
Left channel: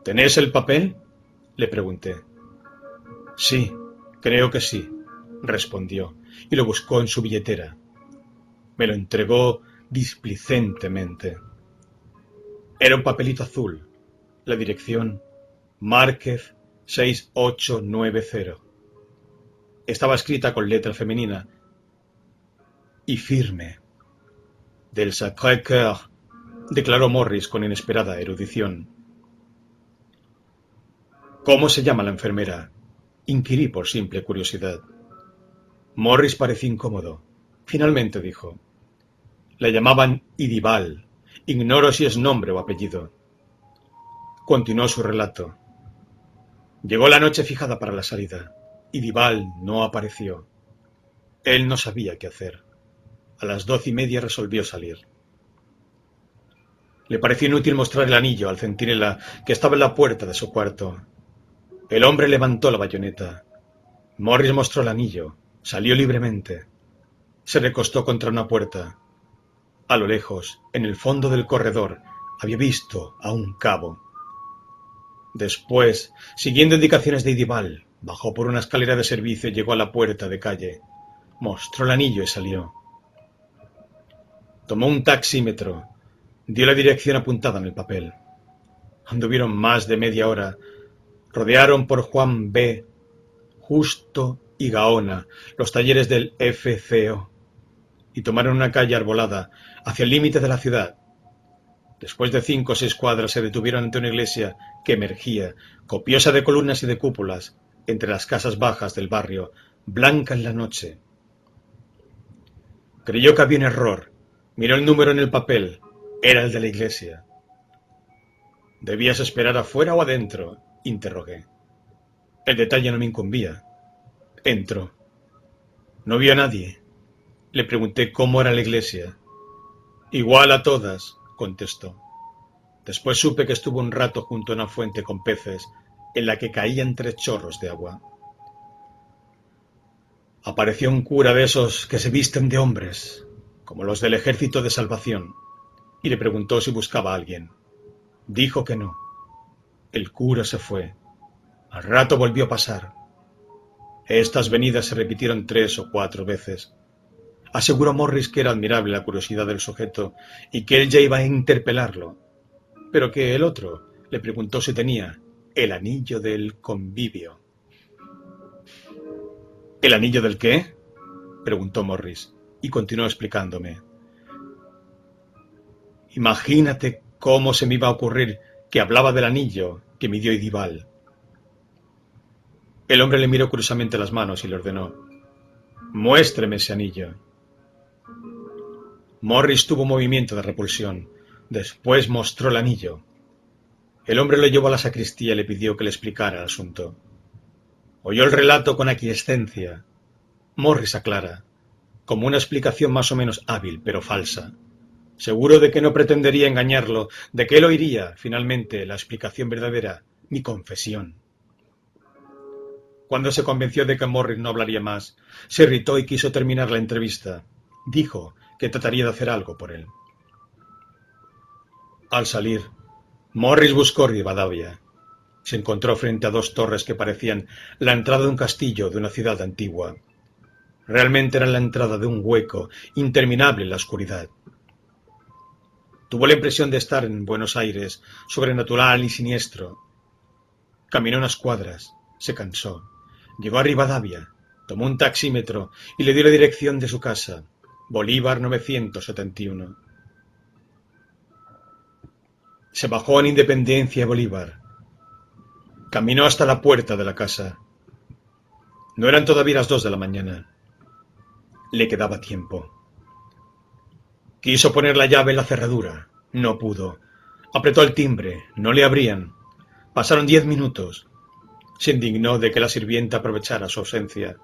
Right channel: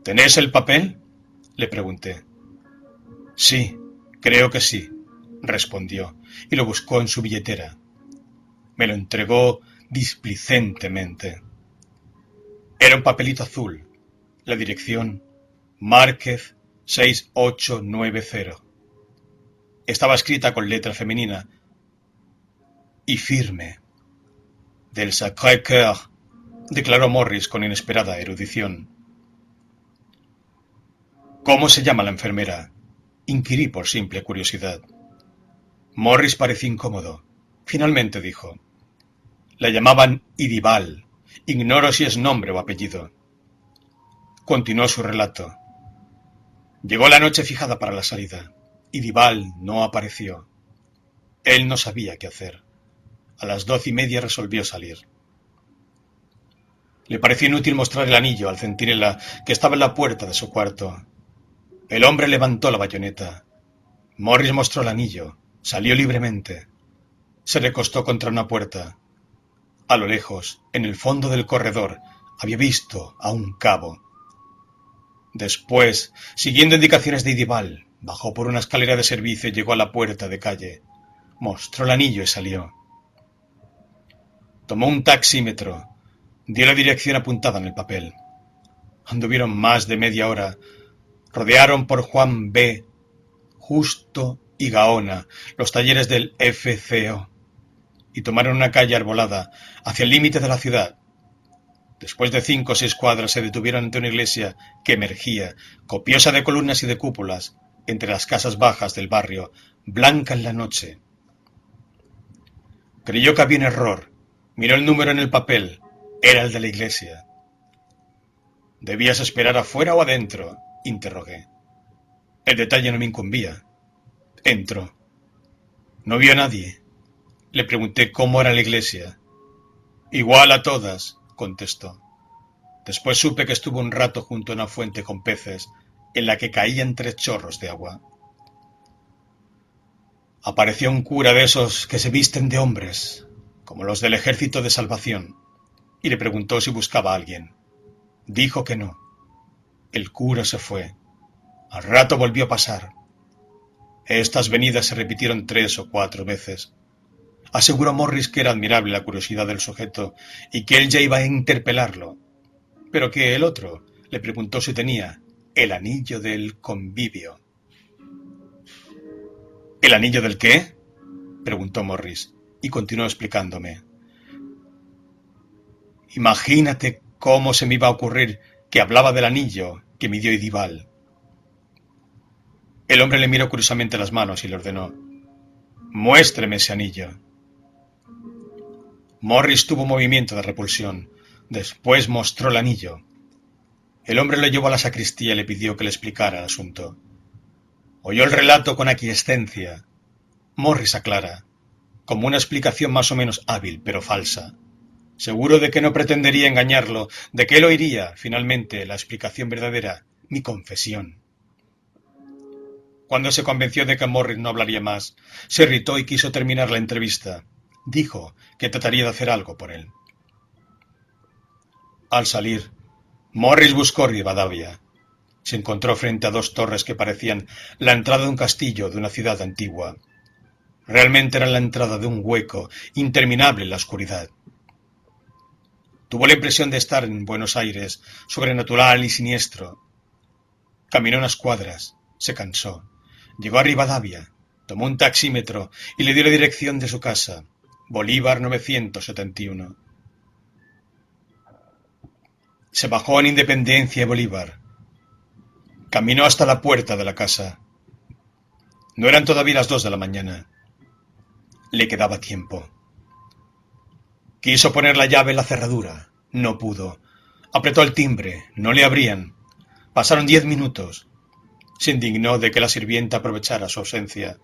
¿Tenés el papel?, le pregunté. Sí, creo que sí, respondió, y lo buscó en su billetera. Me lo entregó displicentemente. Era un papelito azul. La dirección, Márquez 6890. Estaba escrita con letra femenina y firme. Del Sacré-Cœur, declaró Morris con inesperada erudición. ¿Cómo se llama la enfermera?, inquirí por simple curiosidad. Morris pareció incómodo. Finalmente dijo: la llamaban Idival. Ignoro si es nombre o apellido. Continuó su relato. Llegó la noche fijada para la salida. Idival no apareció. Él no sabía qué hacer. A las 12:30 resolvió salir. Le pareció inútil mostrar el anillo al centinela que estaba en la puerta de su cuarto. El hombre levantó la bayoneta. Morris mostró el anillo. Salió libremente. Se recostó contra una puerta. A lo lejos, en el fondo del corredor, había visto a un cabo. Después, siguiendo indicaciones de Idival, bajó por una escalera de servicio y llegó a la puerta de calle. Mostró el anillo y salió. Tomó un taxímetro. Dio la dirección apuntada en el papel. Anduvieron más de media hora. Rodearon por Juan B., Justo y Gaona los talleres del FCO y tomaron una calle arbolada hacia el límite de la ciudad. Después de 5 o 6 cuadras se detuvieron ante una iglesia que emergía, copiosa de columnas y de cúpulas, entre las casas bajas del barrio, blanca en la noche. Creyó que había un error. Miró el número en el papel. Era el de la iglesia. ¿Debías esperar afuera o adentro?, interrogué. El detalle no me incumbía. Entró. No vio a nadie. Le pregunté cómo era la iglesia. Igual a todas, contestó. Después supe que estuvo un rato junto a una fuente con peces, en la que caían 3 chorros de agua. Apareció un cura de esos que se visten de hombres, como los del Ejército de Salvación, y le preguntó si buscaba a alguien. Dijo que no. El cura se fue. Al rato volvió a pasar. Estas venidas se repitieron 3 o 4 veces. Aseguró Morris que era admirable la curiosidad del sujeto y que él ya iba a interpelarlo, pero que el otro le preguntó si tenía el anillo del convivio. ¿El anillo del qué?, preguntó Morris, y continuó explicándome. Imagínate cómo se me iba a ocurrir que hablaba del anillo que me dio Idival. El hombre le miró curiosamente las manos y le ordenó: muéstreme ese anillo. Morris tuvo un movimiento de repulsión. Después mostró el anillo. El hombre lo llevó a la sacristía y le pidió que le explicara el asunto. Oyó el relato con aquiescencia. Morris aclara, como una explicación más o menos hábil, pero falsa. Seguro de que no pretendería engañarlo, de que él oiría, finalmente, la explicación verdadera, mi confesión. Cuando se convenció de que Morris no hablaría más, se irritó y quiso terminar la entrevista. Dijo que trataría de hacer algo por él. Al salir, Morris buscó Rivadavia. Se encontró frente a dos torres que parecían la entrada de un castillo de una ciudad antigua. Realmente era la entrada de un hueco interminable en la oscuridad. Tuvo la impresión de estar en Buenos Aires, sobrenatural y siniestro. Caminó unas cuadras, se cansó, llegó a Rivadavia, tomó un taxímetro y le dio la dirección de su casa, Bolívar 971. Se bajó en Independencia y Bolívar. Caminó hasta la puerta de la casa. No eran todavía las 2 de la mañana. Le quedaba tiempo. Quiso poner la llave en la cerradura. No pudo. Apretó el timbre. No le abrían. Pasaron 10 minutos. Se indignó de que la sirvienta aprovechara su ausencia,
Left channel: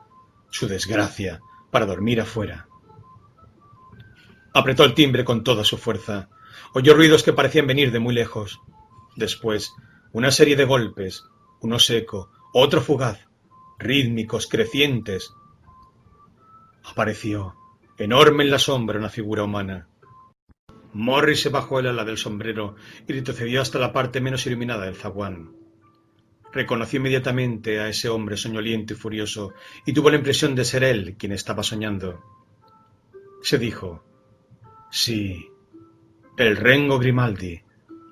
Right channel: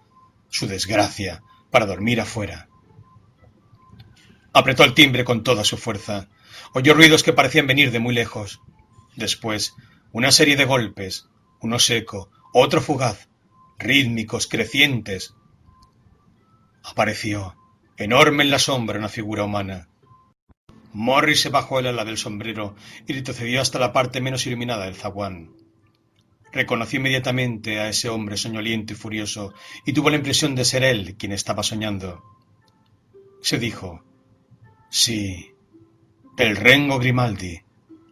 su desgracia, para dormir afuera. Apretó el timbre con toda su fuerza. Oyó ruidos que parecían venir de muy lejos. Después, una serie de golpes, uno seco, otro fugaz, rítmicos, crecientes. Apareció, enorme en la sombra, una figura humana. Morris se bajó el ala del sombrero y retrocedió hasta la parte menos iluminada del zaguán. Reconoció inmediatamente a ese hombre soñoliento y furioso y tuvo la impresión de ser él quien estaba soñando. Se dijo: sí, el Rengo Grimaldi,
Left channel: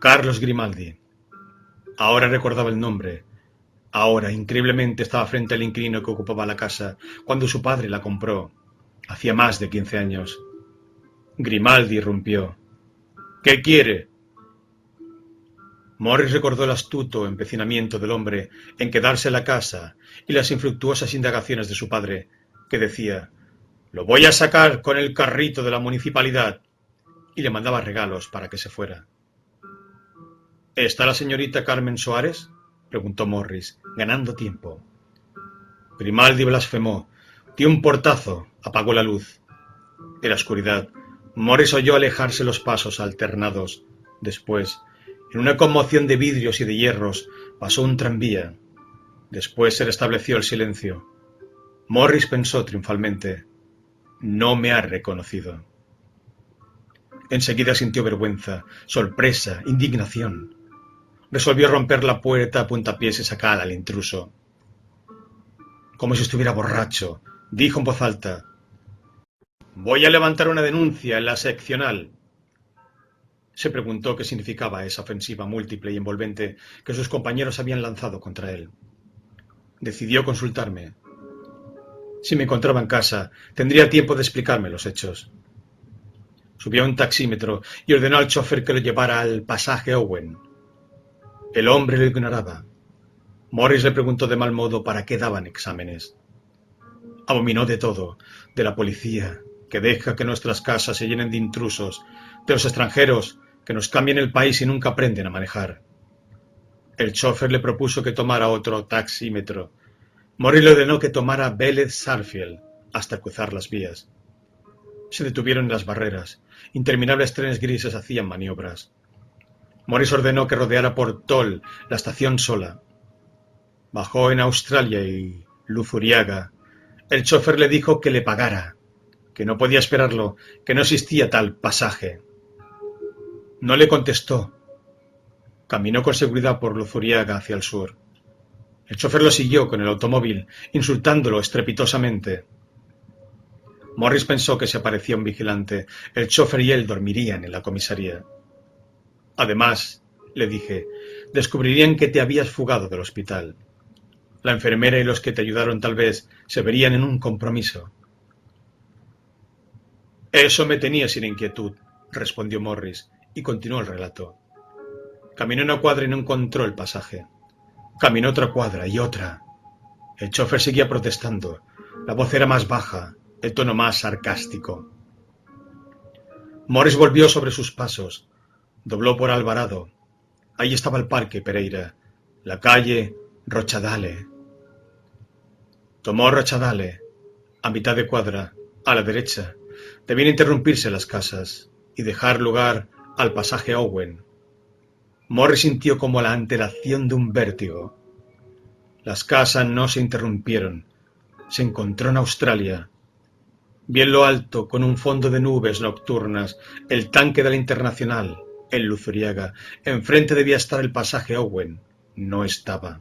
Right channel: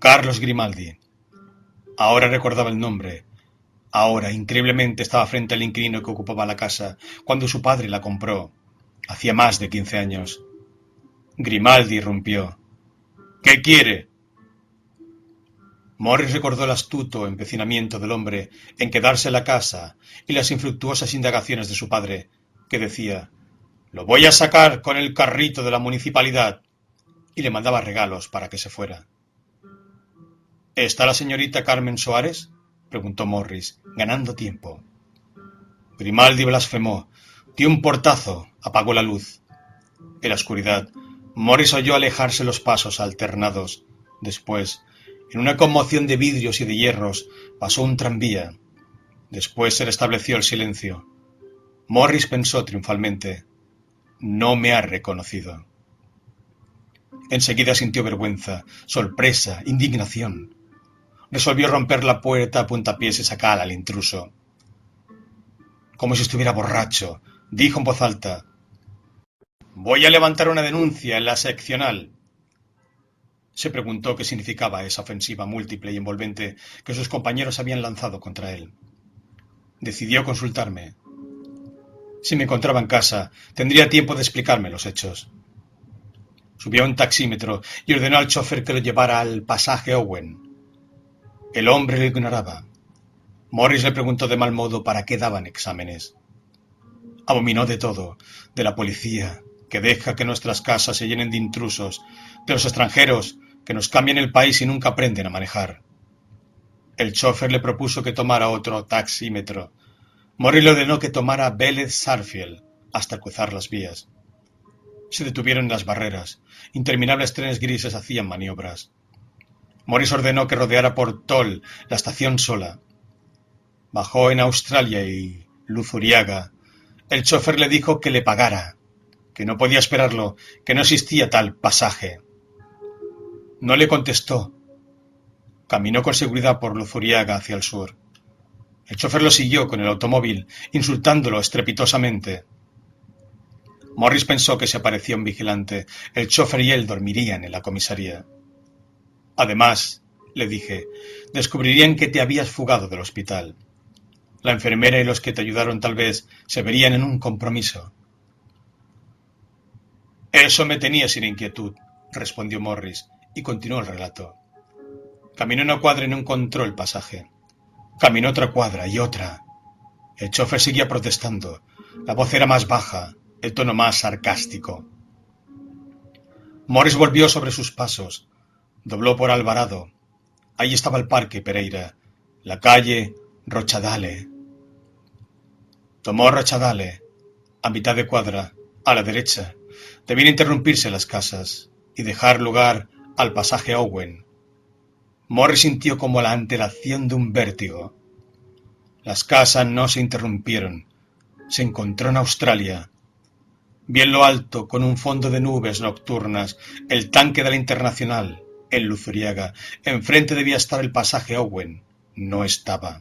Carlos Grimaldi. Ahora recordaba el nombre. Ahora, increíblemente, estaba frente al inquilino que ocupaba la casa cuando su padre la compró. Hacía más de 15 años. Grimaldi irrumpió. ¿Qué quiere? Morris recordó el astuto empecinamiento del hombre en quedarse en la casa y las infructuosas indagaciones de su padre, que decía: «Lo voy a sacar con el carrito de la municipalidad», y le mandaba regalos para que se fuera. «¿Está la señorita Carmen Soares?», preguntó Morris, ganando tiempo. Grimaldi blasfemó, dio un portazo, apagó la luz. En la oscuridad, Morris oyó alejarse los pasos alternados. Después, en una conmoción de vidrios y de hierros, pasó un tranvía. Después se restableció el silencio. Morris pensó triunfalmente: no me ha reconocido. Enseguida sintió vergüenza, sorpresa, indignación. Resolvió romper la puerta a puntapiés y sacar al intruso. Como si estuviera borracho, dijo en voz alta: «Voy a levantar una denuncia en la seccional». Se preguntó qué significaba esa ofensiva múltiple y envolvente que sus compañeros habían lanzado contra él. Decidió consultarme. Si me encontraba en casa, tendría tiempo de explicarme los hechos. Subió a un taxímetro y ordenó al chofer que lo llevara al pasaje Owen. El hombre lo ignoraba. Morris le preguntó de mal modo para qué daban exámenes. Abominó de todo, de la policía, que deja que nuestras casas se llenen de intrusos, de los extranjeros, que nos cambian el país y nunca aprenden a manejar. El chofer le propuso que tomara otro taxímetro. Morris le ordenó que tomara Vélez-Sarsfield hasta cruzar las vías. Se detuvieron en las barreras. Interminables trenes grises hacían maniobras. Morris ordenó que rodeara por Toll la estación sola. Bajó en Australia y Luzuriaga. El chofer le dijo que le pagara, que no podía esperarlo, que no existía tal pasaje. No le contestó. Caminó con seguridad por Luzuriaga hacia el sur. El chofer lo siguió con el automóvil, insultándolo estrepitosamente. Morris pensó que se aparecía un vigilante. El chofer y él dormirían en la comisaría. Además, le dije, descubrirían que te habías fugado del hospital. La enfermera y los que te ayudaron tal vez se verían en un compromiso. Eso me tenía sin inquietud, respondió Morris, y continuó el relato. Caminó una cuadra y no encontró el pasaje. Caminó otra cuadra y otra. El chofer seguía protestando. La voz era más baja, el tono más sarcástico. Morris volvió sobre sus pasos. Dobló por Alvarado. Ahí estaba el parque Pereira, la calle Rochadale. Tomó Rochadale, a mitad de cuadra, a la derecha. Debían interrumpirse las casas y dejar lugar al pasaje Owen. Morris sintió como la antelación de un vértigo. Las casas no se interrumpieron. Se encontró en Australia. Vi en lo alto, con un fondo de nubes nocturnas, el tanque de la Internacional, en Luzuriaga. Enfrente debía estar el pasaje Owen. No estaba.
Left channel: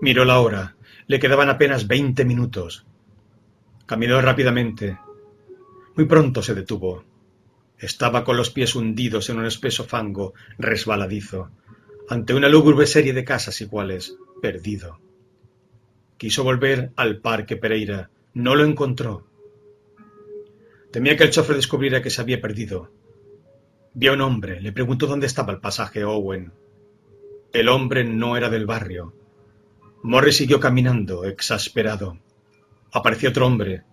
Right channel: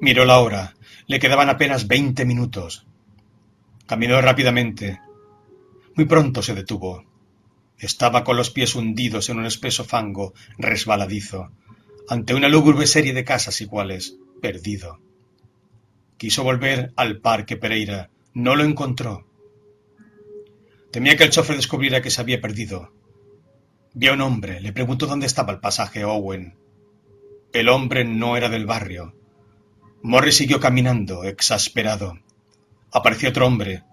Miró la hora. Le quedaban apenas 20 minutos. Caminó rápidamente. Muy pronto se detuvo. Estaba con los pies hundidos en un espeso fango resbaladizo, ante una lúgubre serie de casas iguales, perdido. Quiso volver al Parque Pereira. No lo encontró. Temía que el chofer descubriera que se había perdido. Vio a un hombre. Le preguntó dónde estaba el pasaje Owen. El hombre no era del barrio. Morris siguió caminando, exasperado. Apareció otro hombre.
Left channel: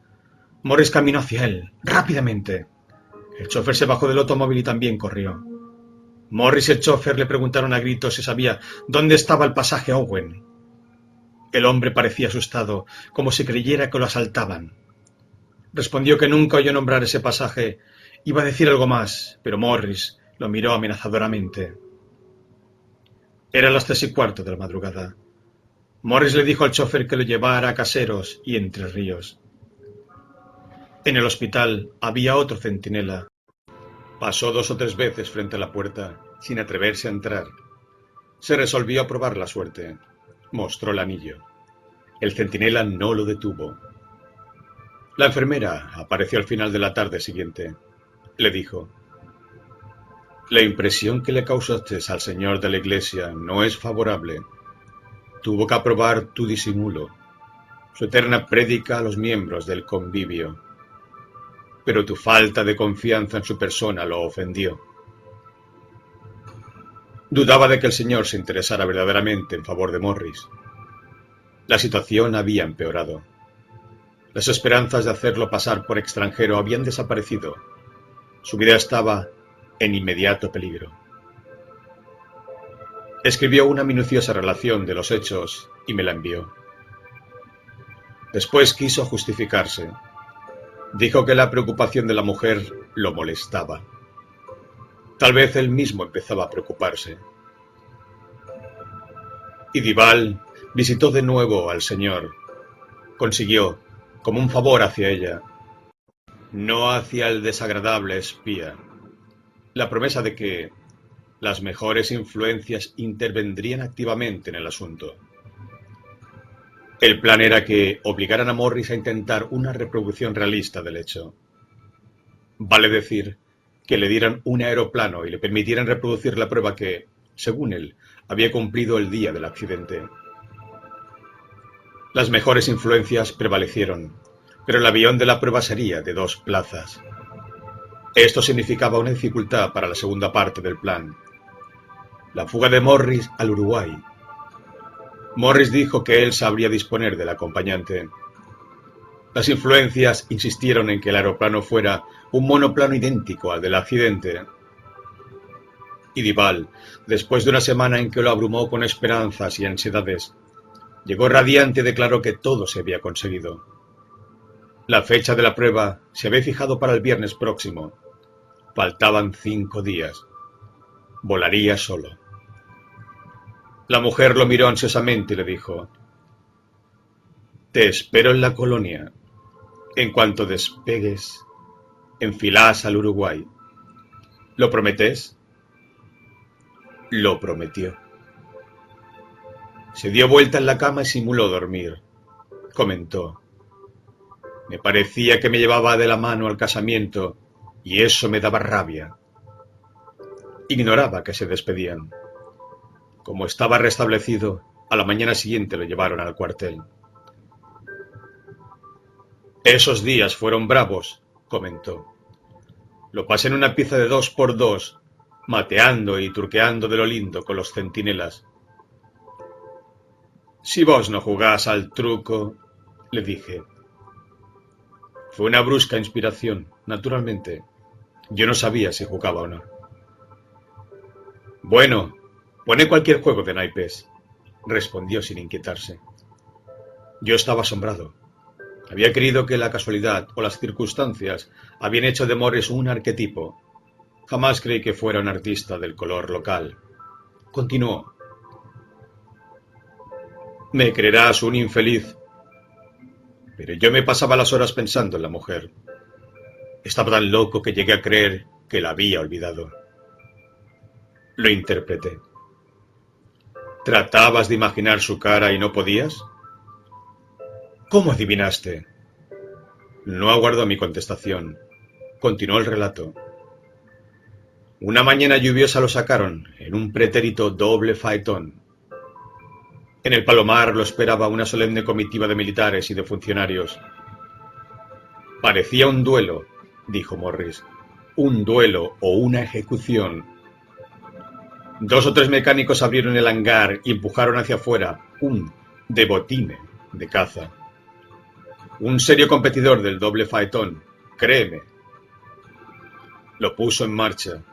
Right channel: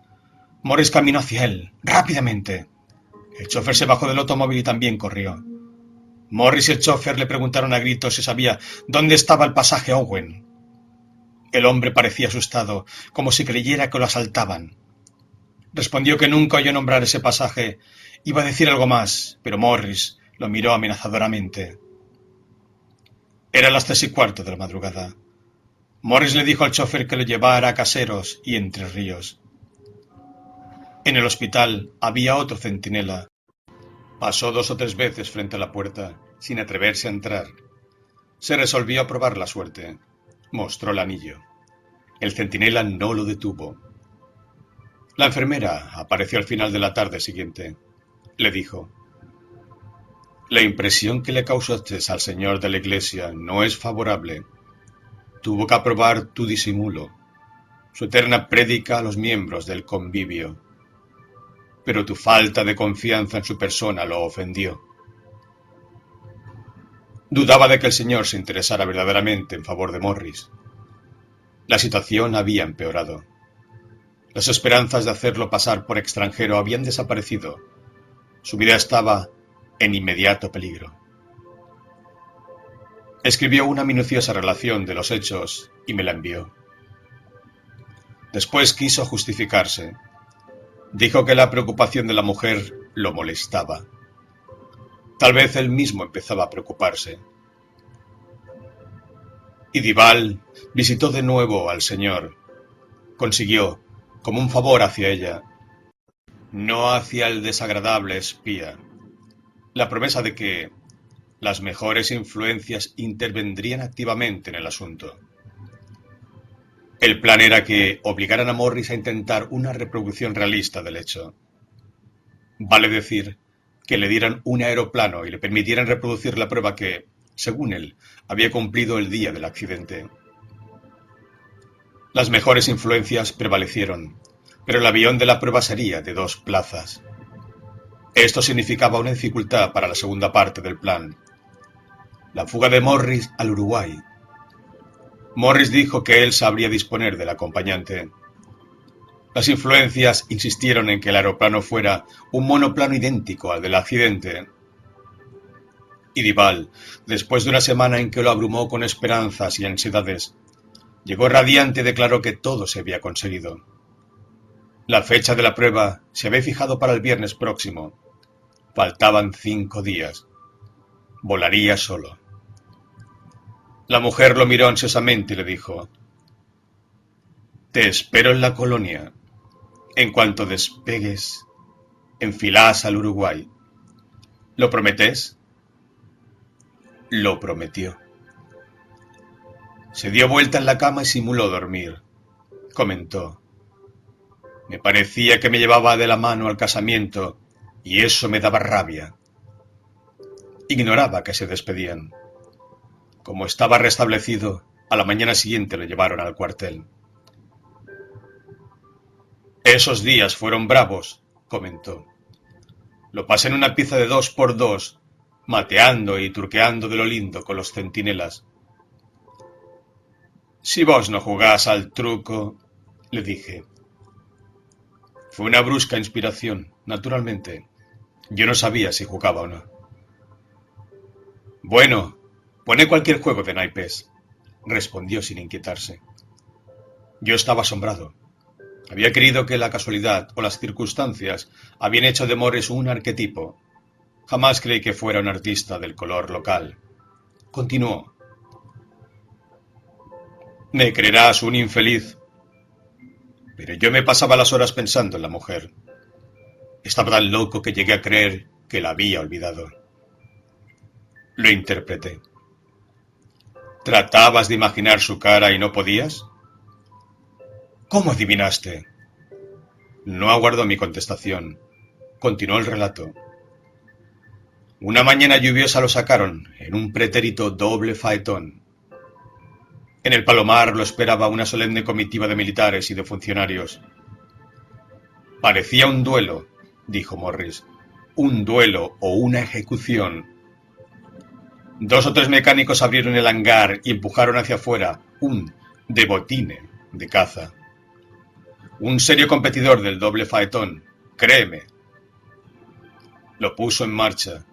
Morris caminó hacia él, rápidamente. El chofer se bajó del automóvil y también corrió. Morris y el chofer le preguntaron a gritos si sabía dónde estaba el pasaje Owen. El hombre parecía asustado, como si creyera que lo asaltaban. Respondió que nunca oyó nombrar ese pasaje. Iba a decir algo más, pero Morris lo miró amenazadoramente. Eran las 3:15 de la madrugada. Morris le dijo al chofer que lo llevara a Caseros y Entre Ríos. En el hospital había otro centinela. Pasó 2 o 3 veces frente a la puerta, sin atreverse a entrar. Se resolvió a probar la suerte. Mostró el anillo. El centinela no lo detuvo. La enfermera apareció al final de la tarde siguiente. Le dijo: «La impresión que le causaste al señor de la iglesia no es favorable. Tuvo que aprobar tu disimulo, su eterna prédica a los miembros del convivio. Pero tu falta de confianza en su persona lo ofendió. Dudaba de que el señor se interesara verdaderamente en favor de Morris. La situación había empeorado. Las esperanzas de hacerlo pasar por extranjero habían desaparecido. Su vida estaba en inmediato peligro». Escribió una minuciosa relación de los hechos y me la envió. Después quiso justificarse. Dijo que la preocupación de la mujer lo molestaba. Tal vez él mismo empezaba a preocuparse. Y Duval visitó de nuevo al señor. Consiguió, como un favor hacia ella, no hacia el desagradable espía, la promesa de que las mejores influencias intervendrían activamente en el asunto. El plan era que obligaran a Morris a intentar una reproducción realista del hecho. Vale decir, que le dieran un aeroplano y le permitieran reproducir la prueba que, según él, había cumplido el día del accidente. Las mejores influencias prevalecieron, pero el avión de la prueba sería de 2 plazas. Esto significaba una dificultad para la segunda parte del plan: la fuga de Morris al Uruguay. Morris dijo que él sabría disponer del acompañante. Las influencias insistieron en que el aeroplano fuera un monoplano idéntico al del accidente. Y Duval, después de una semana en que lo abrumó con esperanzas y ansiedades, llegó radiante y declaró que todo se había conseguido. La fecha de la prueba se había fijado para el viernes próximo. Faltaban 5 días. Volaría solo. La mujer lo miró ansiosamente y le dijo: «Te espero en la colonia. En cuanto despegues, enfilás al Uruguay. ¿Lo prometés?». Lo prometió. Se dio vuelta en la cama y simuló dormir. Comentó: «Me parecía que me llevaba de la mano al casamiento y eso me daba rabia». Ignoraba que se despedían. Como estaba restablecido, a la mañana siguiente lo llevaron al cuartel. «Esos días fueron bravos», comentó. «Lo pasé en una pieza de 2x2, mateando y turqueando de lo lindo con los centinelas». «Si vos no jugás al truco», le dije. Fue una brusca inspiración, naturalmente. Yo no sabía si jugaba o no. «Bueno, pone cualquier juego de naipes», respondió sin inquietarse. Yo estaba asombrado. Había creído que la casualidad o las circunstancias habían hecho de Morris un arquetipo. Jamás creí que fuera un artista del color local. Continuó: «Me creerás un infeliz, pero yo me pasaba las horas pensando en la mujer. Estaba tan loco que llegué a creer que la había olvidado». Lo interpreté. ¿Tratabas de imaginar su cara y no podías? ¿Cómo adivinaste? No aguardó mi contestación. Continuó el relato. Una mañana lluviosa lo sacaron en un pretérito doble faetón. En el Palomar lo esperaba una solemne comitiva de militares y de funcionarios. Parecía un duelo, dijo Morris. Un duelo o una ejecución. 2 o 3 mecánicos abrieron el hangar y empujaron hacia afuera un de botine de caza. Un serio competidor del doble faetón, créeme. Lo puso en marcha.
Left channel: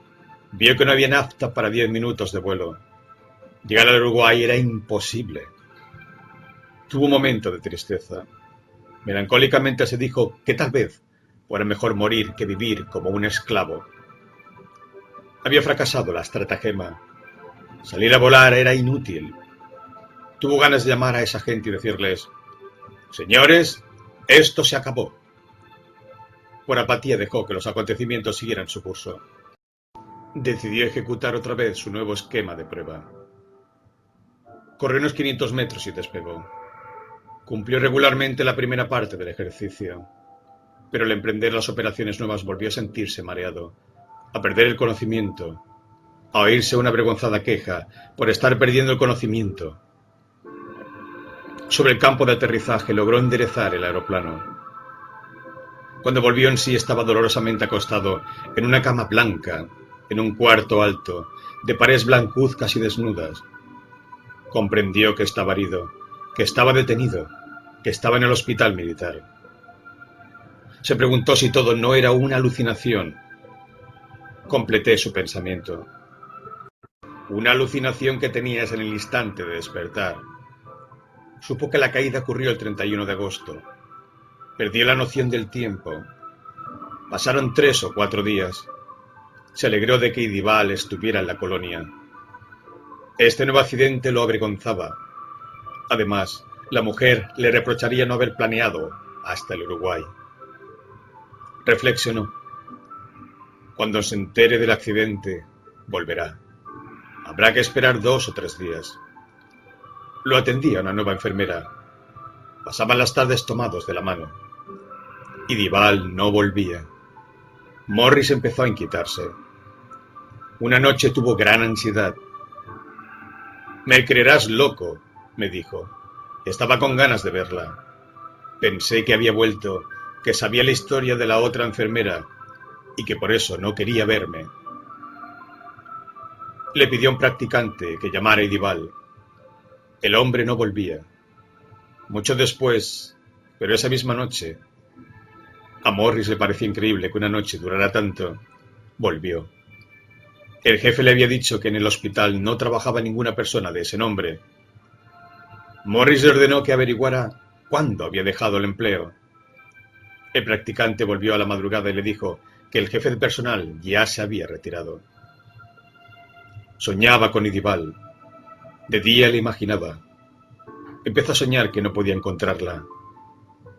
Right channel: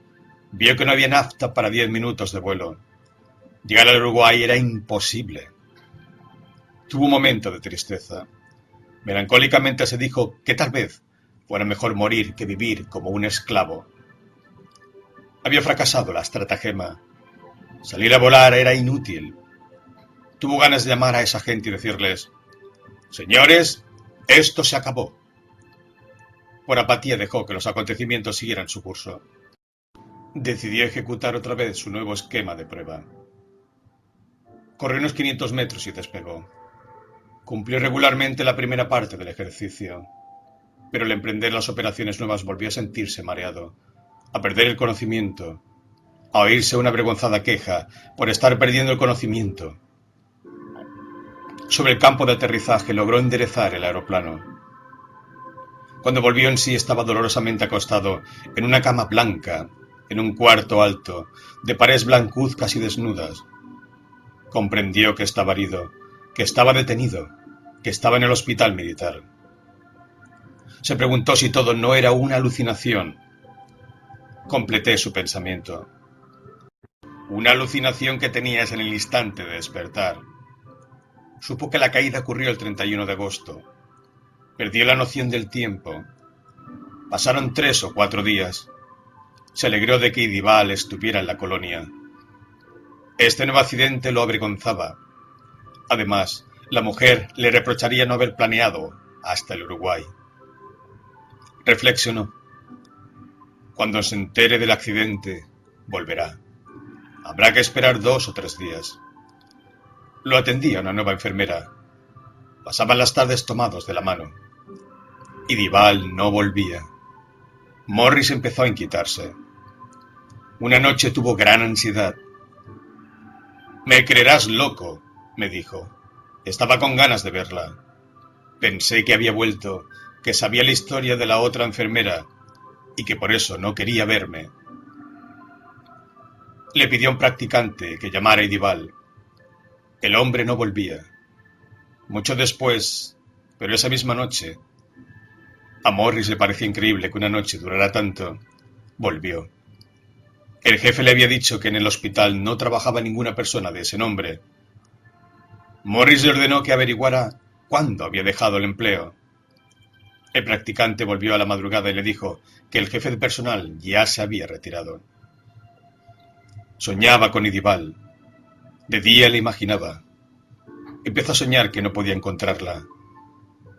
Vio que no había nafta para 10 minutos de vuelo. Llegar al Uruguay era imposible. Tuvo un momento de tristeza. Melancólicamente se dijo que tal vez fuera mejor morir que vivir como un esclavo. Había fracasado la estratagema. Salir a volar era inútil. Tuvo ganas de llamar a esa gente y decirles: «Señores, esto se acabó». Por apatía dejó que los acontecimientos siguieran su curso. Decidió ejecutar otra vez su nuevo esquema de prueba. Corrió unos 500 metros y despegó. Cumplió regularmente la primera parte del ejercicio, pero al emprender las operaciones nuevas volvió a sentirse mareado, a perder el conocimiento, a oírse una avergonzada queja por estar perdiendo el conocimiento. Sobre el campo de aterrizaje logró enderezar el aeroplano. Cuando volvió en sí estaba dolorosamente acostado en una cama blanca, en un cuarto alto, de paredes blancuzcas y desnudas. Comprendió que estaba herido, que estaba detenido, que estaba en el hospital militar. Se preguntó si todo no era una alucinación. Completé su pensamiento. Una alucinación que tenías en el instante de despertar. Supo que la caída ocurrió el 31 de agosto. Perdió la noción del tiempo. Pasaron 3 o 4 días. Se alegró de que Idibal estuviera en la colonia. Este nuevo accidente lo avergonzaba. Además, la mujer le reprocharía no haber planeado hasta el Uruguay. Reflexionó. Cuando se entere del accidente, volverá. Habrá que esperar 2 o 3 días. Lo atendía una nueva enfermera. Pasaban las tardes tomados de la mano. Idibal no volvía. Morris empezó a inquietarse. Una noche tuvo gran ansiedad. «Me creerás loco», me dijo. Estaba con ganas de verla. Pensé que había vuelto, que sabía la historia de la otra enfermera y que por eso no quería verme. Le pidió a un practicante que llamara a Idibal. El hombre no volvía. Mucho después, pero esa misma noche, a Morris le parecía increíble que una noche durara tanto, volvió. El jefe le había dicho que en el hospital no trabajaba ninguna persona de ese nombre. Morris le ordenó que averiguara cuándo había dejado el empleo. El practicante volvió a la madrugada y le dijo que el jefe de personal ya se había retirado. Soñaba con Idibal. De día le imaginaba. Empezó a soñar que no podía encontrarla.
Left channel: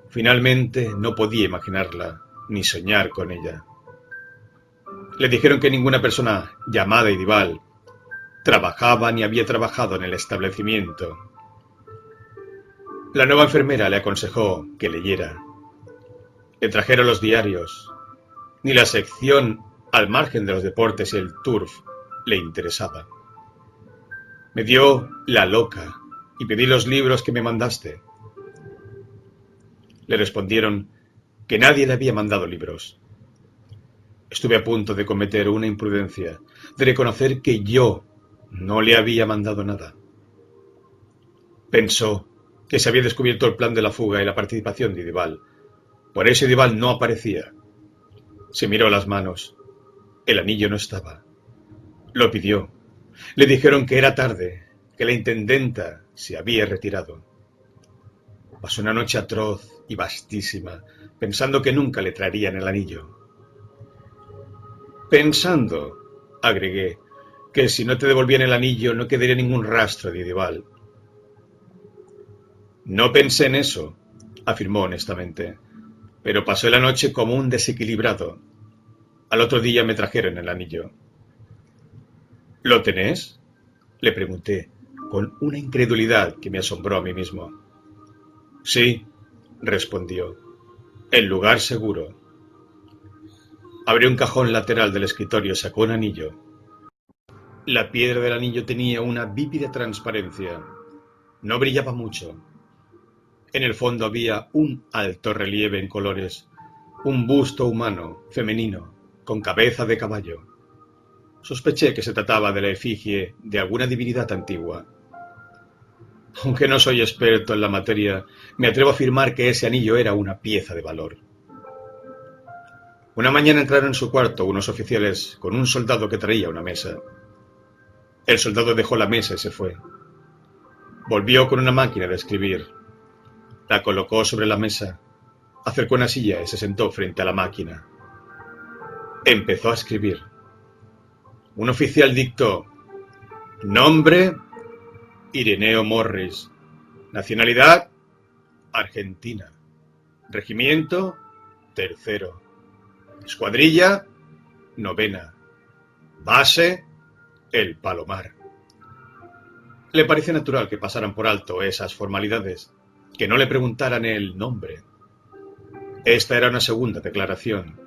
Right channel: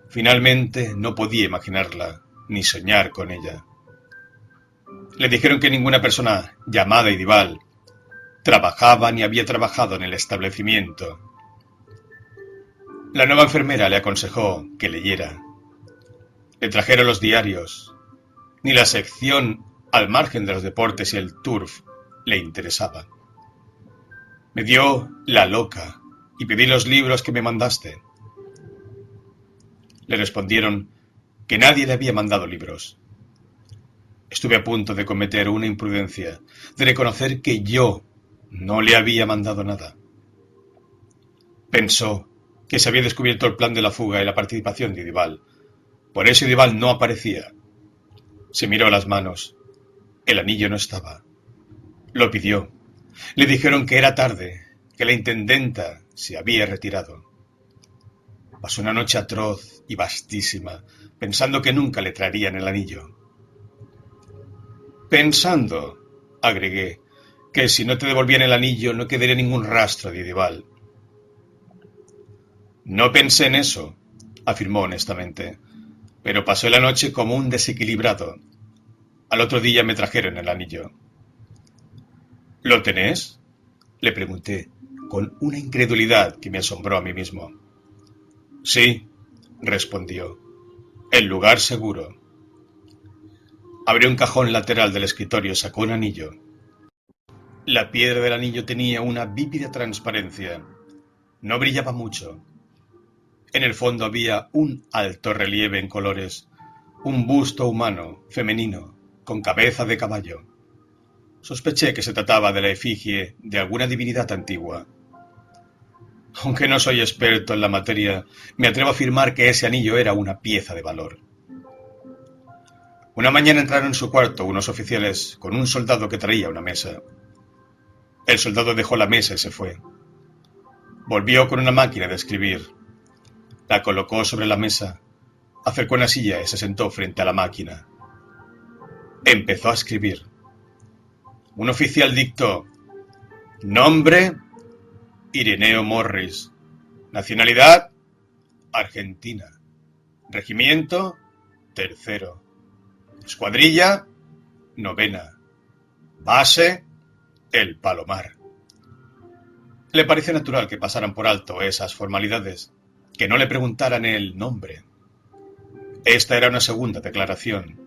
Finalmente no podía imaginarla, ni soñar con ella. Le dijeron que ninguna persona llamada Idibal trabajaba ni había trabajado en el establecimiento. La nueva enfermera le aconsejó que leyera. Le trajeron los diarios. Ni la sección al margen de los deportes y el turf le interesaba. Me dio la loca y pedí los libros que me mandaste. Le respondieron que nadie le había mandado libros. Estuve a punto de cometer una imprudencia, de reconocer que yo no le había mandado nada. Pensó que se había descubierto el plan de la fuga y la participación de Idibal. Por eso Idibal no aparecía. Se miró las manos. El anillo no estaba. Lo pidió. Le dijeron que era tarde, que la intendenta se había retirado. Pasó una noche atroz y vastísima, pensando que nunca le traerían el anillo. Pensando, agregué, que si no te devolvían el anillo no quedaría ningún rastro de Idibal. No pensé en eso, afirmó honestamente, pero pasé la noche como un desequilibrado. Al otro día me trajeron el anillo. ¿Lo tenés?, le pregunté, con una incredulidad que me asombró a mí mismo. Sí, respondió, el lugar seguro. Abrió un cajón lateral del escritorio y sacó un anillo. La piedra del anillo tenía una vívida transparencia. No brillaba mucho. En el fondo había un alto relieve en colores, un busto humano, femenino, con cabeza de caballo. Sospeché que se trataba de la efigie de alguna divinidad antigua. Aunque no soy experto en la materia, me atrevo a afirmar que ese anillo era una pieza de valor. Una mañana entraron en su cuarto unos oficiales con un soldado que traía una mesa. El soldado dejó la mesa y se fue. Volvió con una máquina de escribir. La colocó sobre la mesa, acercó una silla y se sentó frente a la máquina. Empezó a escribir. Un oficial dictó: nombre, Ireneo Morris. Nacionalidad, Argentina. Regimiento, tercero. Escuadrilla, novena. Base, el Palomar. Le pareció natural que pasaran por alto esas formalidades, que no le preguntaran el nombre. Esta era una segunda declaración.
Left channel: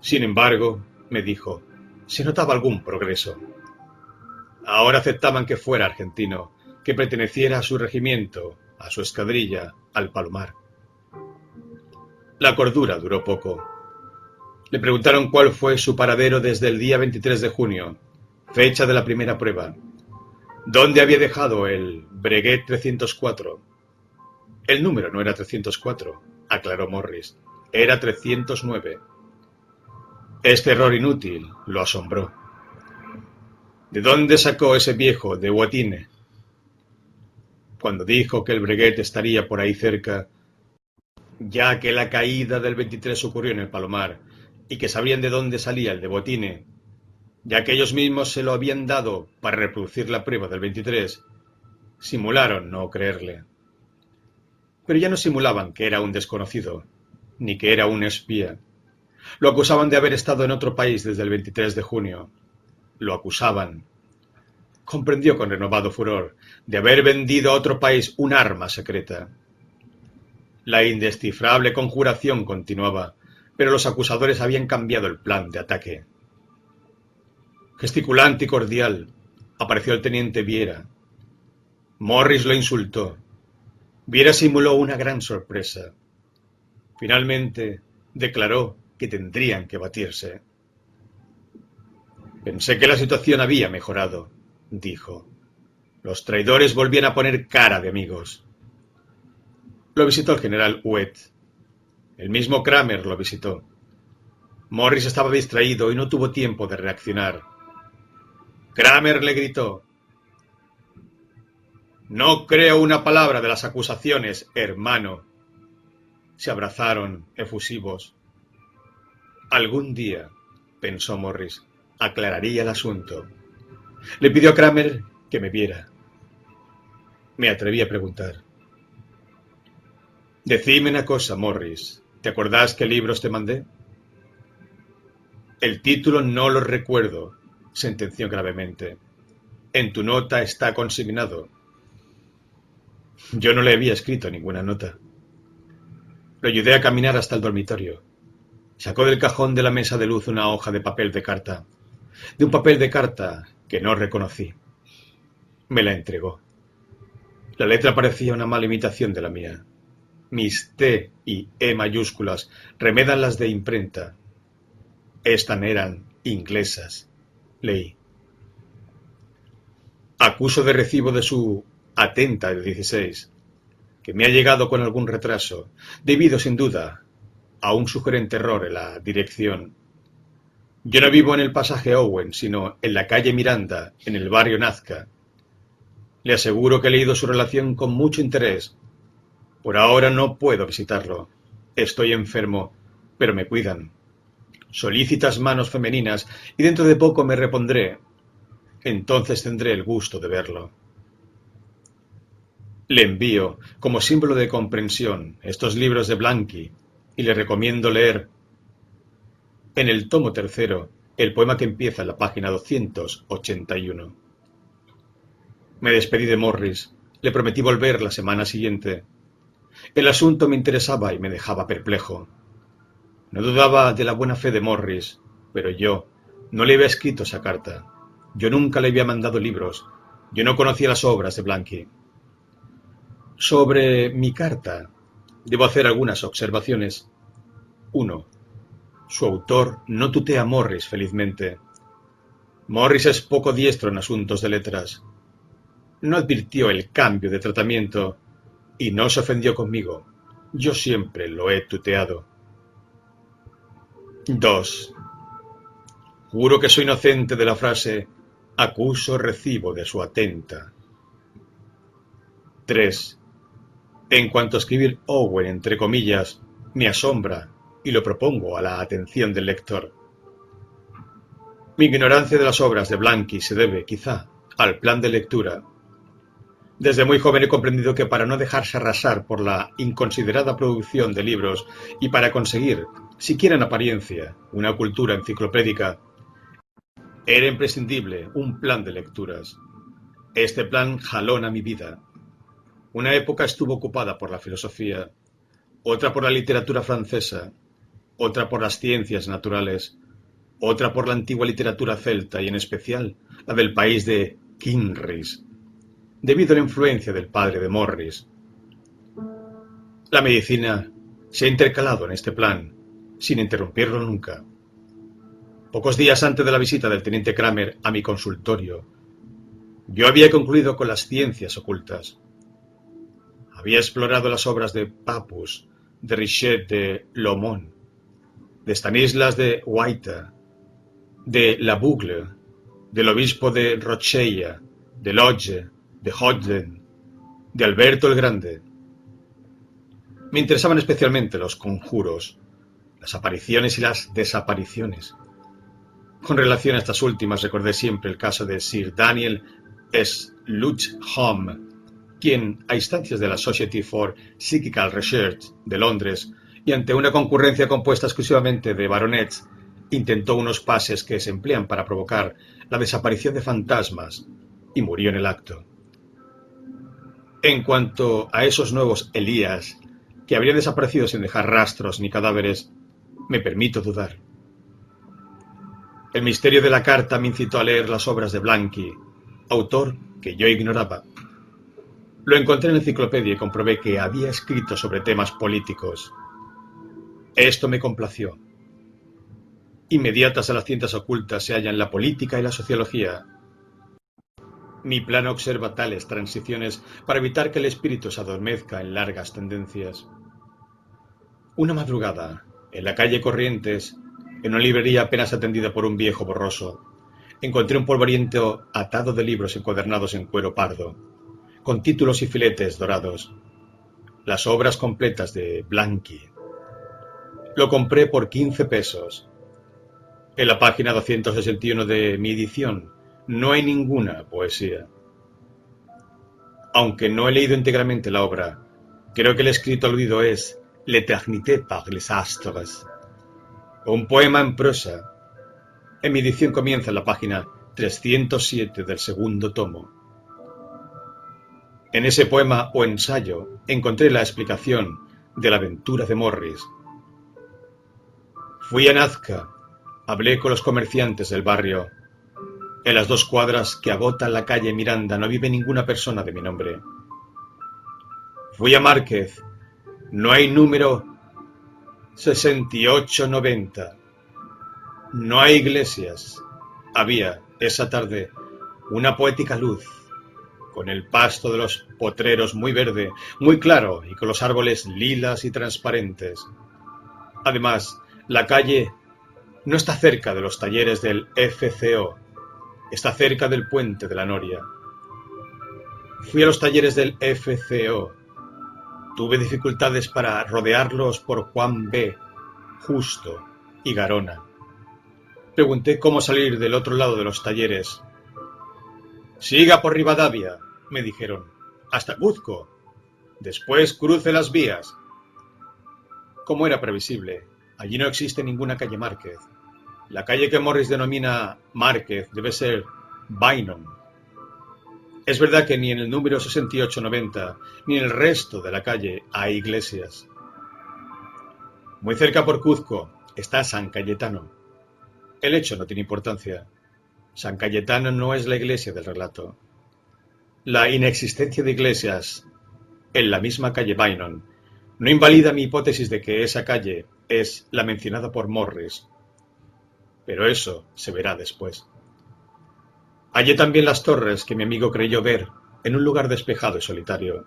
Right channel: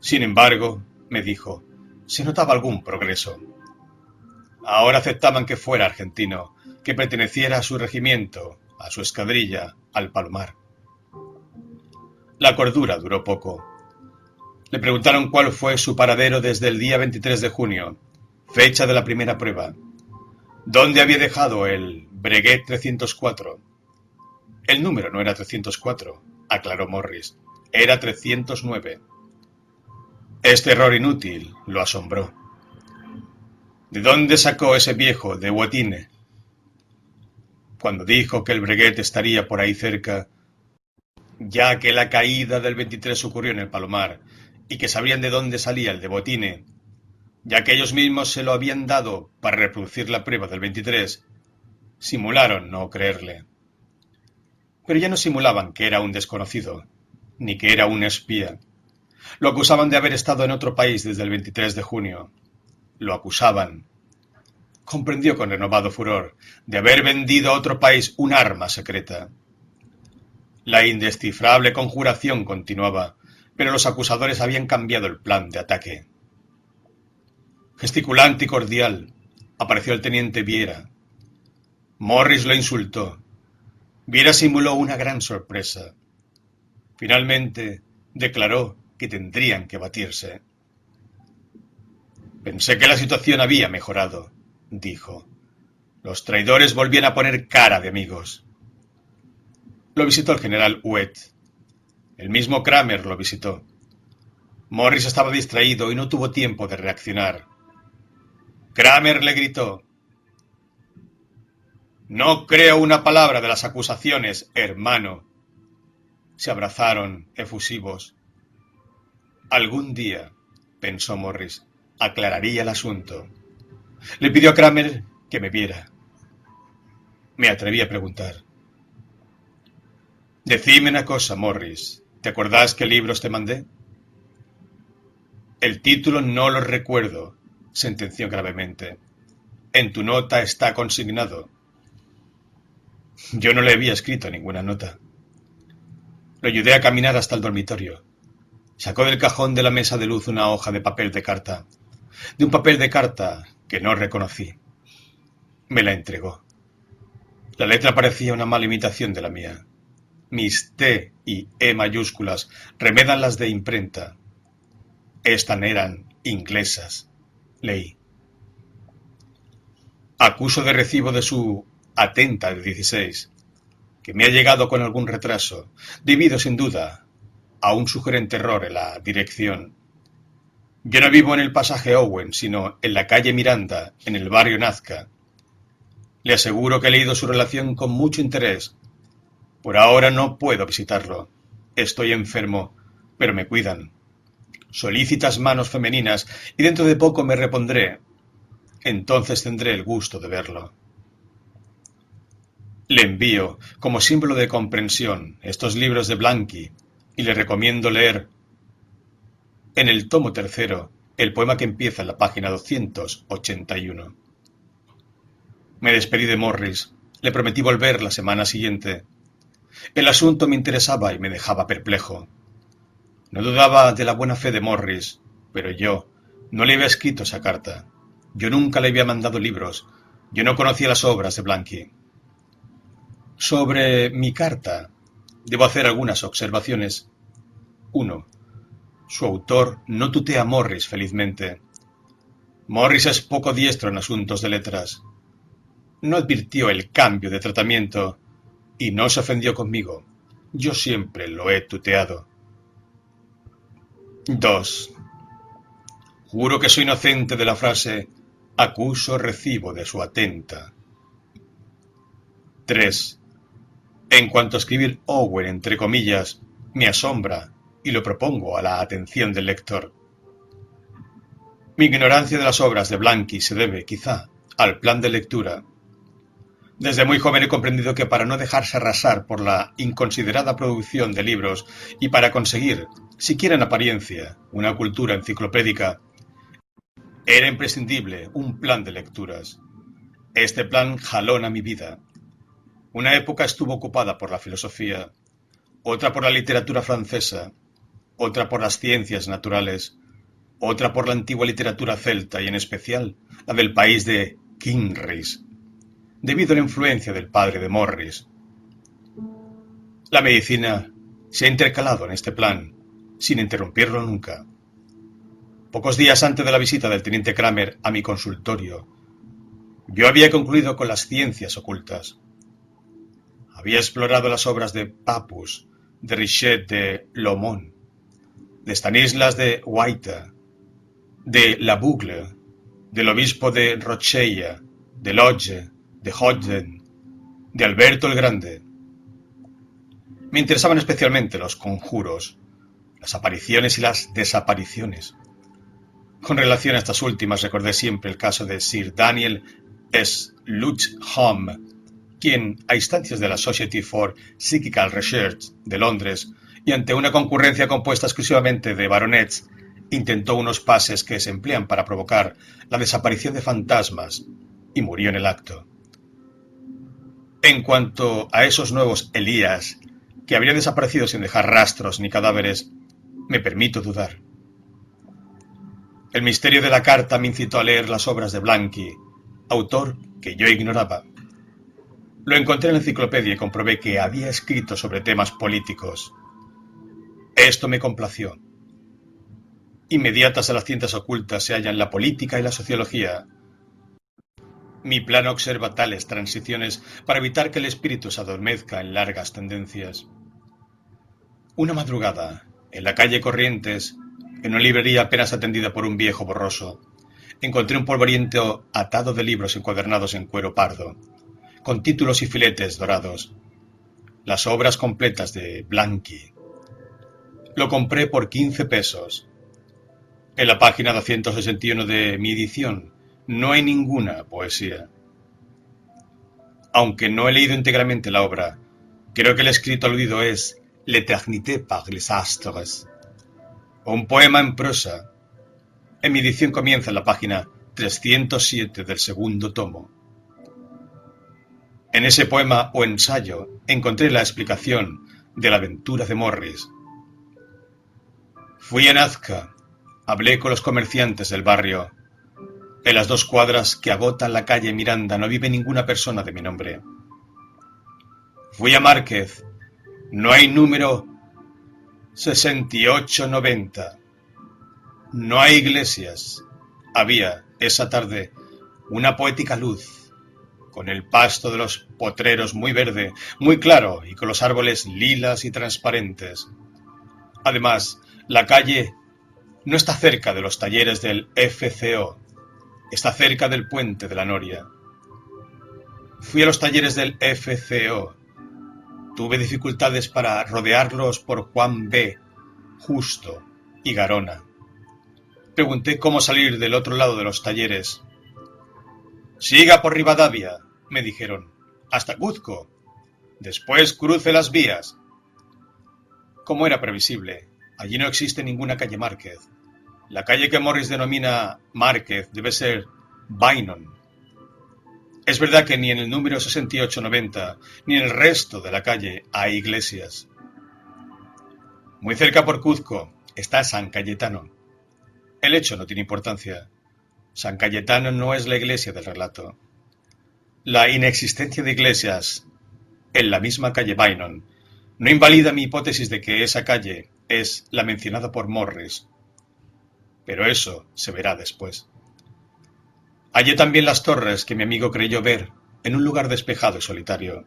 Sin embargo, me dijo, se notaba algún progreso. Ahora aceptaban que fuera argentino, que perteneciera a su regimiento, a su escuadrilla, al Palomar. La cordura duró poco. Le preguntaron cuál fue su paradero desde el día 23 de junio, fecha de la primera prueba. ¿Dónde había dejado el Breguet 304? El número no era 304, aclaró Morris. Era 309. Este error inútil lo asombró. ¿De dónde sacó ese viejo de Huatine? Cuando dijo que el Breguet estaría por ahí cerca, ya que la caída del 23 ocurrió en el Palomar y que sabrían de dónde salía el de Botine, ya que ellos mismos se lo habían dado para reproducir la prueba del 23, simularon no creerle. Pero ya no simulaban que era un desconocido, ni que era un espía. Lo acusaban de haber estado en otro país desde el 23 de junio. Lo acusaban. Comprendió con renovado furor de haber vendido a otro país un arma secreta. La indescifrable conjuración continuaba, pero los acusadores habían cambiado el plan de ataque. Gesticulante y cordial, apareció el teniente Viera. Morris lo insultó. Viera simuló una gran sorpresa. Finalmente, declaró que tendrían que batirse. Pensé que la situación había mejorado, dijo. Los traidores volvían a poner cara de amigos. Lo visitó el general Huet. El mismo Kramer lo visitó. Morris estaba distraído y no tuvo tiempo de reaccionar. Kramer le gritó: «No creo una palabra de las acusaciones, hermano». Se abrazaron, efusivos. Algún día, pensó Morris, aclararía el asunto. Le pidió a Kramer que me viera. Me atreví a preguntar: «Decime una cosa, Morris. ¿Te acordás qué libros te mandé?» «El título no lo recuerdo», sentenció gravemente. «En tu nota está consignado». Yo no le había escrito ninguna nota. Lo ayudé a caminar hasta el dormitorio. Sacó del cajón de la mesa de luz una hoja de papel de carta. De un papel de carta que no reconocí. Me la entregó. La letra parecía una mala imitación de la mía. Mis T y E mayúsculas remedan las de imprenta. Estas eran inglesas. Leí: «Acuso de recibo de su atenta de 16, que me ha llegado con algún retraso, debido sin duda a un sugerente error en la dirección. Yo no vivo en el pasaje Owen, sino en la calle Miranda, en el barrio Nazca. Le aseguro que he leído su relación con mucho interés. Por ahora no puedo visitarlo. Estoy enfermo, pero me cuidan. Solícitas manos femeninas, y dentro de poco me repondré. Entonces tendré el gusto de verlo. Le envío, como símbolo de comprensión, estos libros de Blanqui, y le recomiendo leer, en el tomo tercero, el poema que empieza en la página 281. Me despedí de Morris. Le prometí volver la semana siguiente. El asunto me interesaba y me dejaba perplejo. No dudaba de la buena fe de Morris, pero yo no le había escrito esa carta. Yo nunca le había mandado libros. Yo no conocía las obras de Blanqui. Sobre mi carta, debo hacer algunas observaciones. 1. Su autor no tutea a Morris, felizmente. Morris es poco diestro en asuntos de letras. No advirtió el cambio de tratamiento y no se ofendió conmigo. Yo siempre lo he tuteado. 2. Juro que soy inocente de la frase acuso recibo de su atenta. 3. En cuanto a escribir Owen entre comillas, me asombra y lo propongo a la atención del lector. Mi ignorancia de las obras de Blanqui se debe, quizá, al plan de lectura. Desde muy joven he comprendido que para no dejarse arrasar por la inconsiderada producción de libros y para conseguir, siquiera en apariencia, una cultura enciclopédica, era imprescindible un plan de lecturas. Este plan jalona mi vida. Una época estuvo ocupada por la filosofía, otra por la literatura francesa, otra por las ciencias naturales, otra por la antigua literatura celta y en especial la del país de Kinrys, debido a la influencia del padre de Morris. La medicina se ha intercalado en este plan, sin interrumpirlo nunca. Pocos días antes de la visita del teniente Kramer a mi consultorio, yo había concluido con las ciencias ocultas. Había explorado las obras de Papus, de Richet de Lomont, de Stanislas de Guaita, de La Bougle, del obispo de Rochella, de Lodge, de Hodden, de Alberto el Grande. Me interesaban especialmente los conjuros, las apariciones y las desapariciones. Con relación a estas últimas recordé siempre el caso de Sir Daniel Slugham, quien, a instancias de la Society for Psychical Research de Londres y ante una concurrencia compuesta exclusivamente de baronets, intentó unos pases que se emplean para provocar la desaparición de fantasmas y murió en el acto. En cuanto a esos nuevos Elías, que habrían desaparecido sin dejar rastros ni cadáveres, me permito dudar. El misterio de la carta me incitó a leer las obras de Blanqui, autor que yo ignoraba. Lo encontré en la enciclopedia y comprobé que había escrito sobre temas políticos. Esto me complació. Inmediatas a las ciencias ocultas se hallan la política y la sociología. Mi plan observa tales transiciones para evitar que el espíritu se adormezca en largas tendencias. Una madrugada, en la calle Corrientes, en una librería apenas atendida por un viejo borroso, encontré un polvoriento atado de libros encuadernados en cuero pardo, con títulos y filetes dorados. Las obras completas de Blanqui. Lo compré por 15 pesos. En la página 261 de mi edición no hay ninguna poesía. Aunque no he leído íntegramente la obra, creo que el escrito aludido es L'Éternité par les astres, un poema en prosa. En mi edición comienza en la página 307 del segundo tomo. En ese poema o ensayo encontré la explicación de la aventura de Morris. Fui a Nazca, hablé con los comerciantes del barrio. En las 2 cuadras que agotan la calle Miranda no vive ninguna persona de mi nombre. Fui a Márquez, no hay número 6890. No hay iglesias. Había, esa tarde, una poética luz, con el pasto de los potreros muy verde, muy claro, y con los árboles lilas y transparentes. Además, la calle no está cerca de los talleres del FCO, está cerca del puente de la Noria. Fui a los talleres del FCO. Tuve dificultades para rodearlos por Juan B., Justo y Garona. Pregunté cómo salir del otro lado de los talleres. Siga por Rivadavia, me dijeron, hasta Cuzco. Después cruce las vías. Como era previsible, allí no existe ninguna calle Márquez. La calle que Morris denomina Márquez debe ser Bynum. Es verdad que ni en el número 6890 ni en el resto de la calle hay iglesias. Muy cerca por Cuzco está San Cayetano. El hecho no tiene importancia. San Cayetano no es la iglesia del relato. La inexistencia de iglesias en la misma calle Bynum no invalida mi hipótesis de que esa calle es la mencionada por Morris. Pero eso se verá después. Hallé también las torres que mi amigo creyó ver en un lugar despejado y solitario.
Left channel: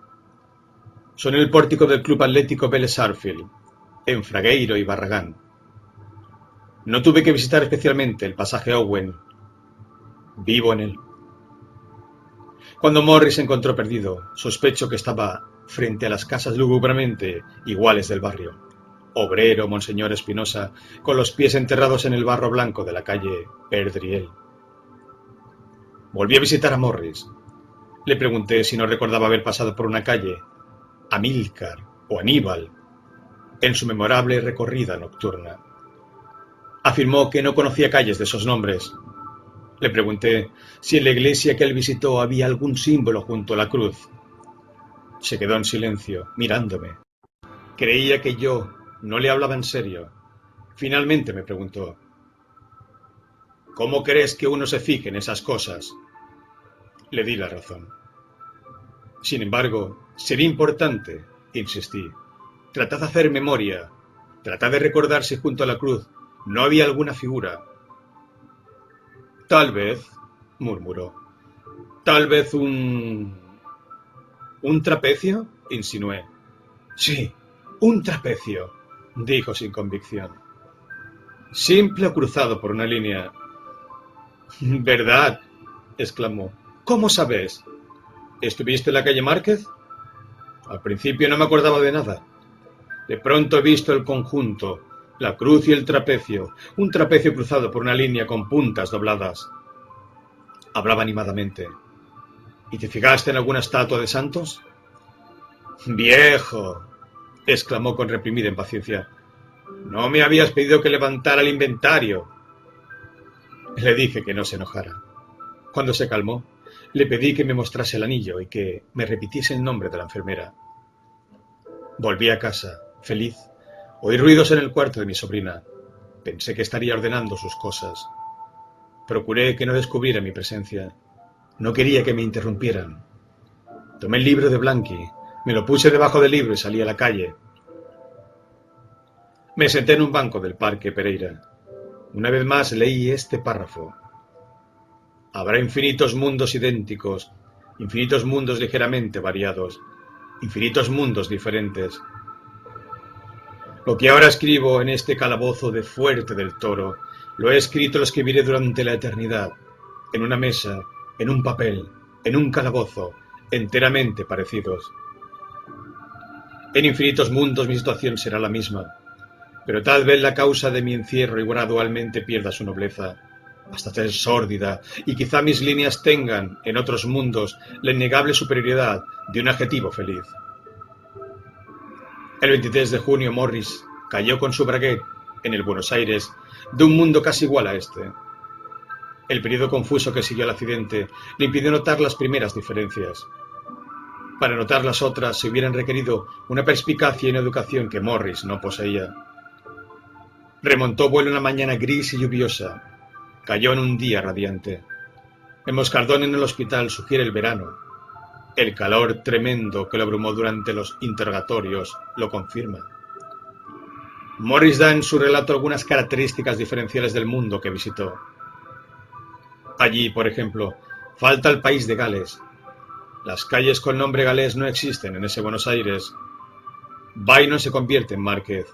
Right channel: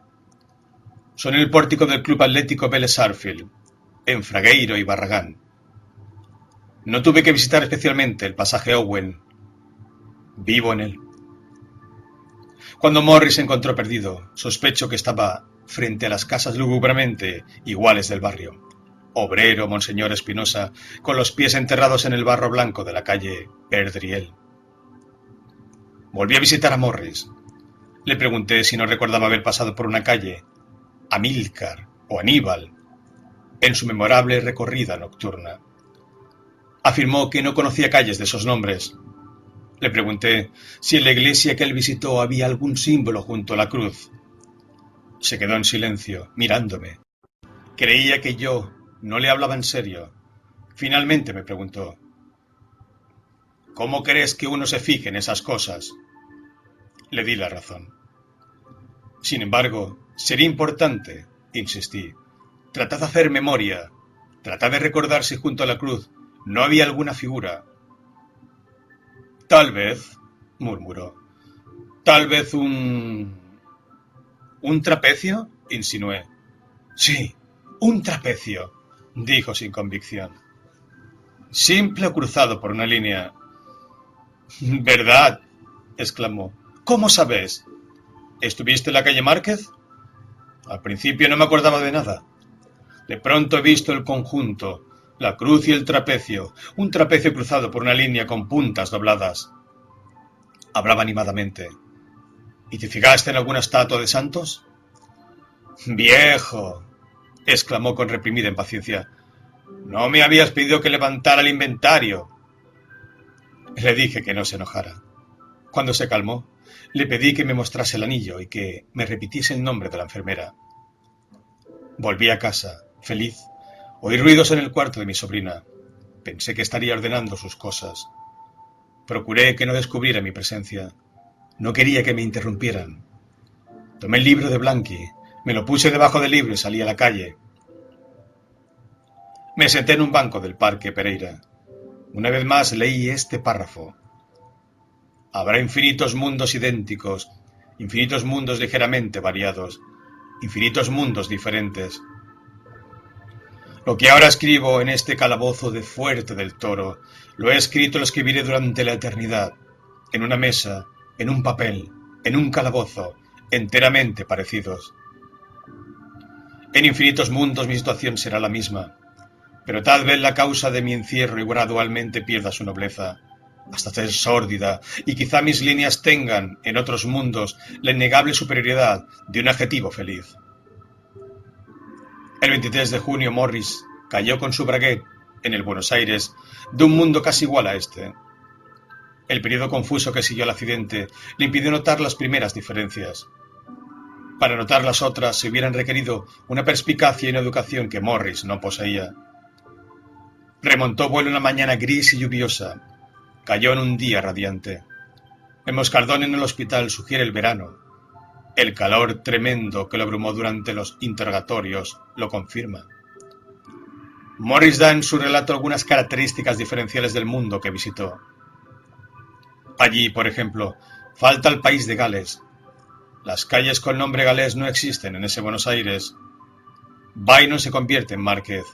Son el pórtico del Club Atlético Vélez Sarsfield, en Fragueiro y Barragán. No tuve que visitar especialmente el pasaje Owen. Vivo en él. Cuando Morris se encontró perdido, sospecho que estaba frente a las casas lúgubremente iguales del barrio. Obrero, Monseñor Espinosa, con los pies enterrados en el barro blanco de la calle Perdriel. Volví a visitar a Morris. Le pregunté si no recordaba haber pasado por una calle, Amílcar o Aníbal, en su memorable recorrida nocturna. Afirmó que no conocía calles de esos nombres. Le pregunté si en la iglesia que él visitó había algún símbolo junto a la cruz. Se quedó en silencio, mirándome. Creía que yo no le hablaba en serio. Finalmente me preguntó: ¿cómo crees que uno se fije en esas cosas? Le di la razón. Sin embargo, sería importante, insistí. Tratad de hacer memoria. Tratad de recordar si junto a la cruz no había alguna figura. Tal vez, murmuró. Tal vez ¿un trapecio? Insinué. Sí, un trapecio, dijo sin convicción. Simple o cruzado por una línea. ¿Verdad? Exclamó. ¿Cómo sabes? ¿Estuviste en la calle Márquez? Al principio no me acordaba de nada. De pronto he visto el conjunto, la cruz y el trapecio, un trapecio cruzado por una línea con puntas dobladas. Hablaba animadamente. ¿Y te fijaste en alguna estatua de santos? ¡Viejo!, exclamó con reprimida impaciencia. ¿No me habías pedido que levantara el inventario? Le dije que no se enojara. Cuando se calmó, le pedí que me mostrase el anillo y que me repitiese el nombre de la enfermera. Volví a casa, feliz. Oí ruidos en el cuarto de mi sobrina. Pensé que estaría ordenando sus cosas. Procuré que no descubriera mi presencia. No quería que me interrumpieran. Tomé el libro de Blanqui, me lo puse debajo del libro y salí a la calle. Me senté en un banco del Parque Pereira. Una vez más leí este párrafo. Habrá infinitos mundos idénticos, infinitos mundos ligeramente variados, infinitos mundos diferentes. Lo que ahora escribo en este calabozo de Fuerte del Toro, lo he escrito y lo escribiré durante la eternidad, en una mesa, en un papel, en un calabozo, enteramente parecidos. En infinitos mundos mi situación será la misma, pero tal vez la causa de mi encierro y gradualmente pierda su nobleza, hasta ser sórdida, y quizá mis líneas tengan, en otros mundos, la innegable superioridad de un adjetivo feliz. El 23 de junio Morris cayó con su braguet en el Buenos Aires de un mundo casi igual a este. El periodo confuso que siguió al accidente le impidió notar las primeras diferencias. Para notar las otras se hubieran requerido una perspicacia y una educación que Morris no poseía. Remontó vuelo una mañana gris y lluviosa. Cayó en un día radiante. El moscardón en el hospital sugiere el verano. El calor tremendo que lo abrumó durante los interrogatorios lo confirma. Morris da en su relato algunas características diferenciales del mundo que visitó. Allí, por ejemplo, falta el país de Gales. Las calles con nombre galés no existen en ese Buenos Aires. Bynum se convierte en Márquez,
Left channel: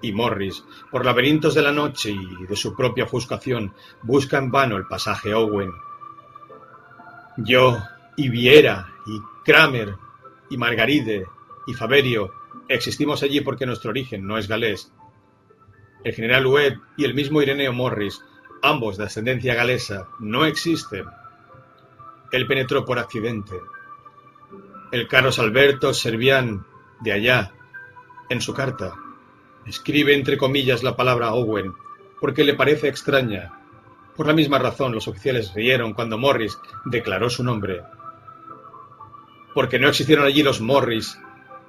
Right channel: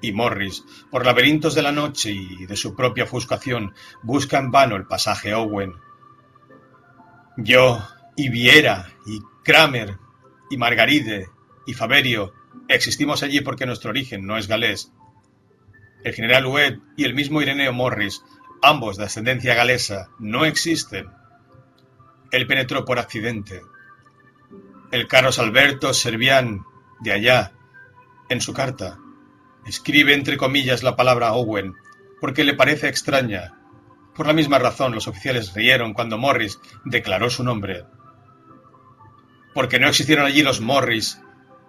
y Morris, por laberintos de la noche y de su propia ofuscación, busca en vano el pasaje Owen. Yo, y Viera, y Kramer, y Margaride, y Faberio, existimos allí porque nuestro origen no es galés. El general Webb y el mismo Ireneo Morris, ambos de ascendencia galesa, no existen. Él penetró por accidente. El Carlos Alberto Servián, de allá, en su carta, escribe entre comillas la palabra Owen, porque le parece extraña. Por la misma razón, los oficiales rieron cuando Morris declaró su nombre. Porque no existieron allí los Morris.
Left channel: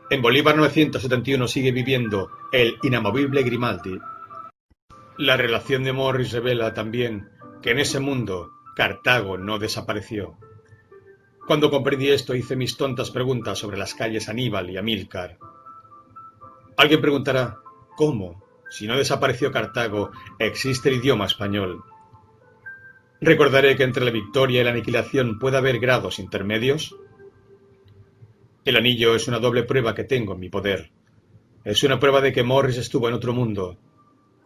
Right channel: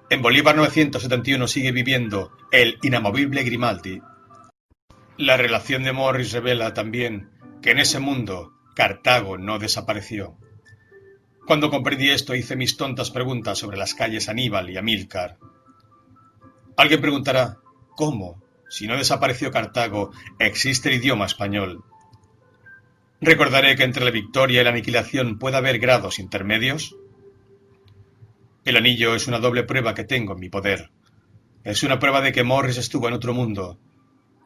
En Bolívar 971 sigue viviendo el inamovible Grimaldi. La relación de Morris revela también que en ese mundo Cartago no desapareció. Cuando comprendí esto hice mis tontas preguntas sobre las calles Aníbal y Amílcar. Alguien preguntará, ¿cómo? Si no desapareció Cartago, existe el idioma español. Recordaré que entre la victoria y la aniquilación puede haber grados intermedios. El anillo es una doble prueba que tengo en mi poder. Es una prueba de que Morris estuvo en otro mundo.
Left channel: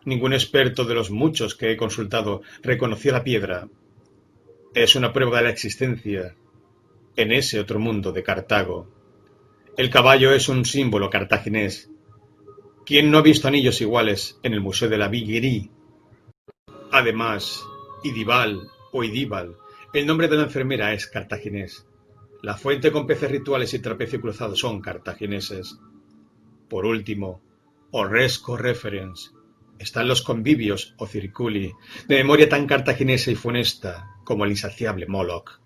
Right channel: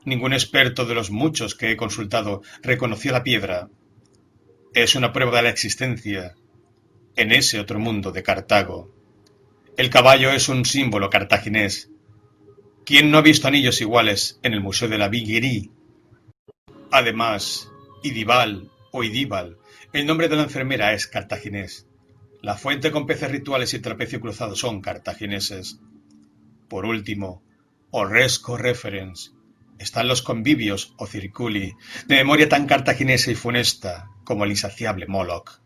Ningún experto de los muchos que he consultado reconoció la piedra. Es una prueba de la existencia en ese otro mundo de Cartago. El caballo es un símbolo cartaginés. ¿Quién no ha visto anillos iguales en el Museo de la Viguerie? Además, Idibal o Idíbal, el nombre de la enfermera es cartaginés. La fuente con peces rituales y trapecio cruzado son cartagineses. Por último, Horresco Referens. Están los convivios o circuli, de memoria tan cartaginesa y funesta como el insaciable Moloch.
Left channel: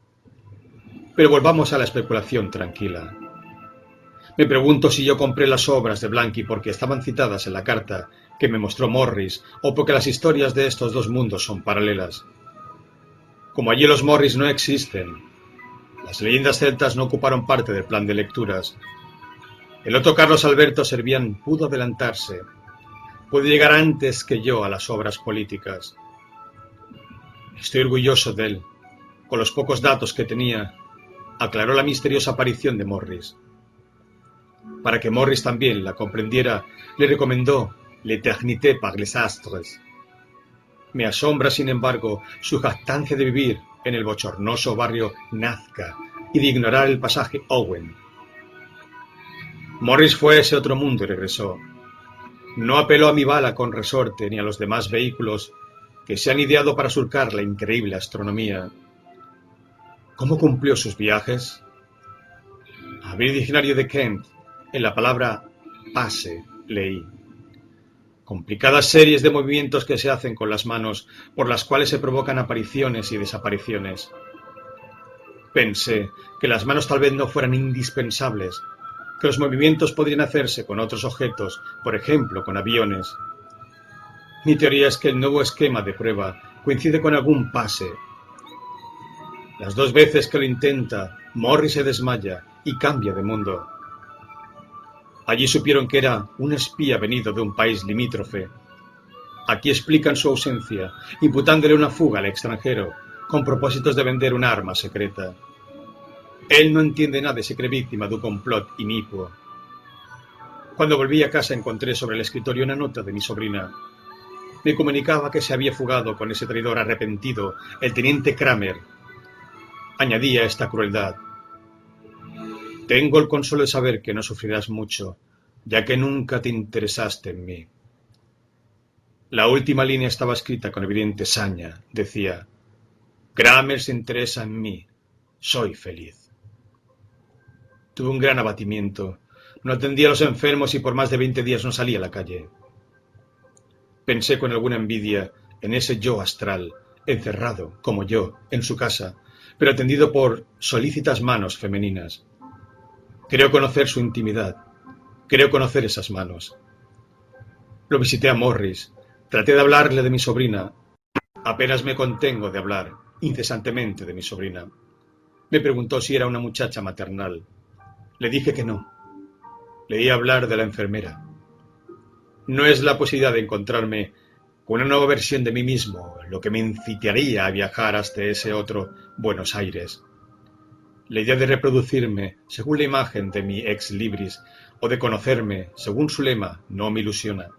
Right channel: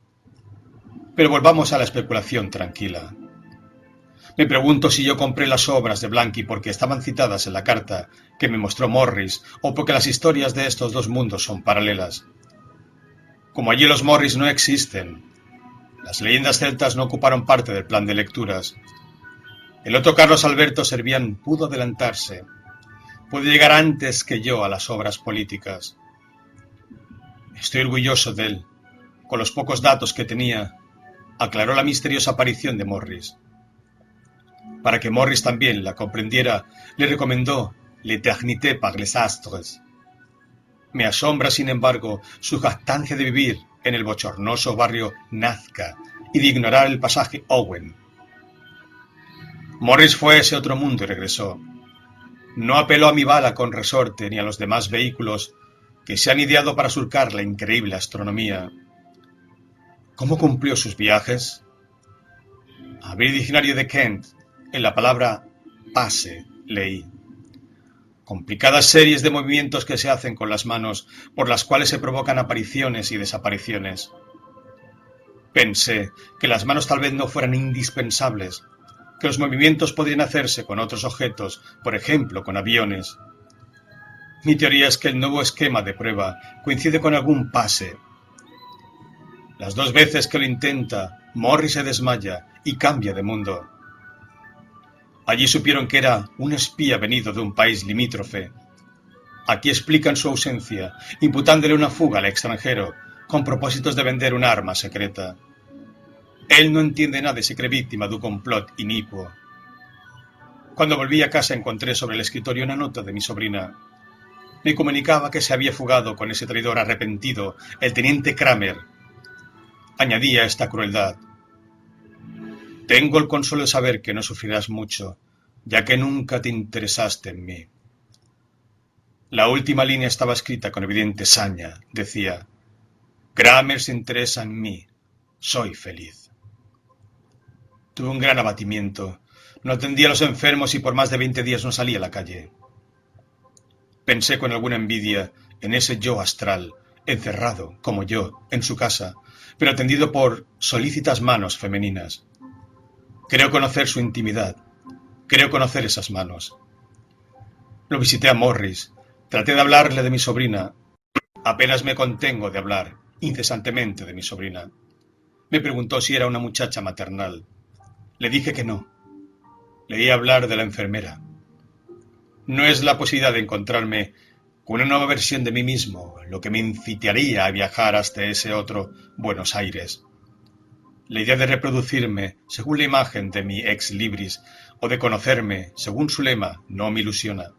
Pero volvamos a la especulación tranquila. Me pregunto si yo compré las obras de Blanqui porque estaban citadas en la carta que me mostró Morris o porque las historias de estos dos mundos son paralelas. Como allí los Morris no existen, las leyendas celtas no ocuparon parte del plan de lecturas. El otro Carlos Alberto Servián pudo adelantarse, puede llegar antes que yo a las obras políticas. Estoy orgulloso de él. Con los pocos datos que tenía, aclaró la misteriosa aparición de Morris. Para que Morris también la comprendiera, le recomendó L'Éternité par les astres. Me asombra, sin embargo, su jactancia de vivir en el bochornoso barrio Nazca y de ignorar el pasaje Owen. Morris fue a ese otro mundo y regresó. No apeló a mi bala con resorte ni a los demás vehículos que se han ideado para surcar la increíble astronomía. ¿Cómo cumplió sus viajes? Abrí el diccionario de Kent. En la palabra pase leí. Complicadas series de movimientos que se hacen con las manos, por las cuales se provocan apariciones y desapariciones. Pensé que las manos tal vez no fueran indispensables, que los movimientos podrían hacerse con otros objetos, por ejemplo con aviones. Mi teoría es que el nuevo esquema de prueba coincide con algún pase. Las dos veces que lo intenta, Morris se desmaya y cambia de mundo. Allí supieron que era un espía venido de un país limítrofe. Aquí explican su ausencia, imputándole una fuga al extranjero, con propósitos de vender un arma secreta. Él no entiende nada y se cree víctima de un complot inicuo. Cuando volví a casa encontré sobre el escritorio una nota de mi sobrina. Me comunicaba que se había fugado con ese traidor arrepentido, el teniente Kramer. Añadía esta crueldad. Tengo el consuelo de saber que no sufrirás mucho, ya que nunca te interesaste en mí. La última línea estaba escrita con evidente saña. Decía, Kramer se interesa en mí. Soy feliz. Tuve un gran abatimiento. No atendía a los enfermos y por más de 20 días no salí a la calle. Pensé con alguna envidia en ese yo astral, encerrado, como yo, en su casa, pero atendido por solícitas manos femeninas. Creo conocer su intimidad. Creo conocer esas manos. Lo visité a Morris. Traté de hablarle de mi sobrina. Apenas me contengo de hablar incesantemente de mi sobrina. Me preguntó si era una muchacha maternal. Le dije que no. Leí hablar de la enfermera. No es la posibilidad de encontrarme con una nueva versión de mí mismo lo que me incitaría a viajar hasta ese otro Buenos Aires. La idea de reproducirme según la imagen de mi ex libris o de conocerme según su lema no me ilusiona.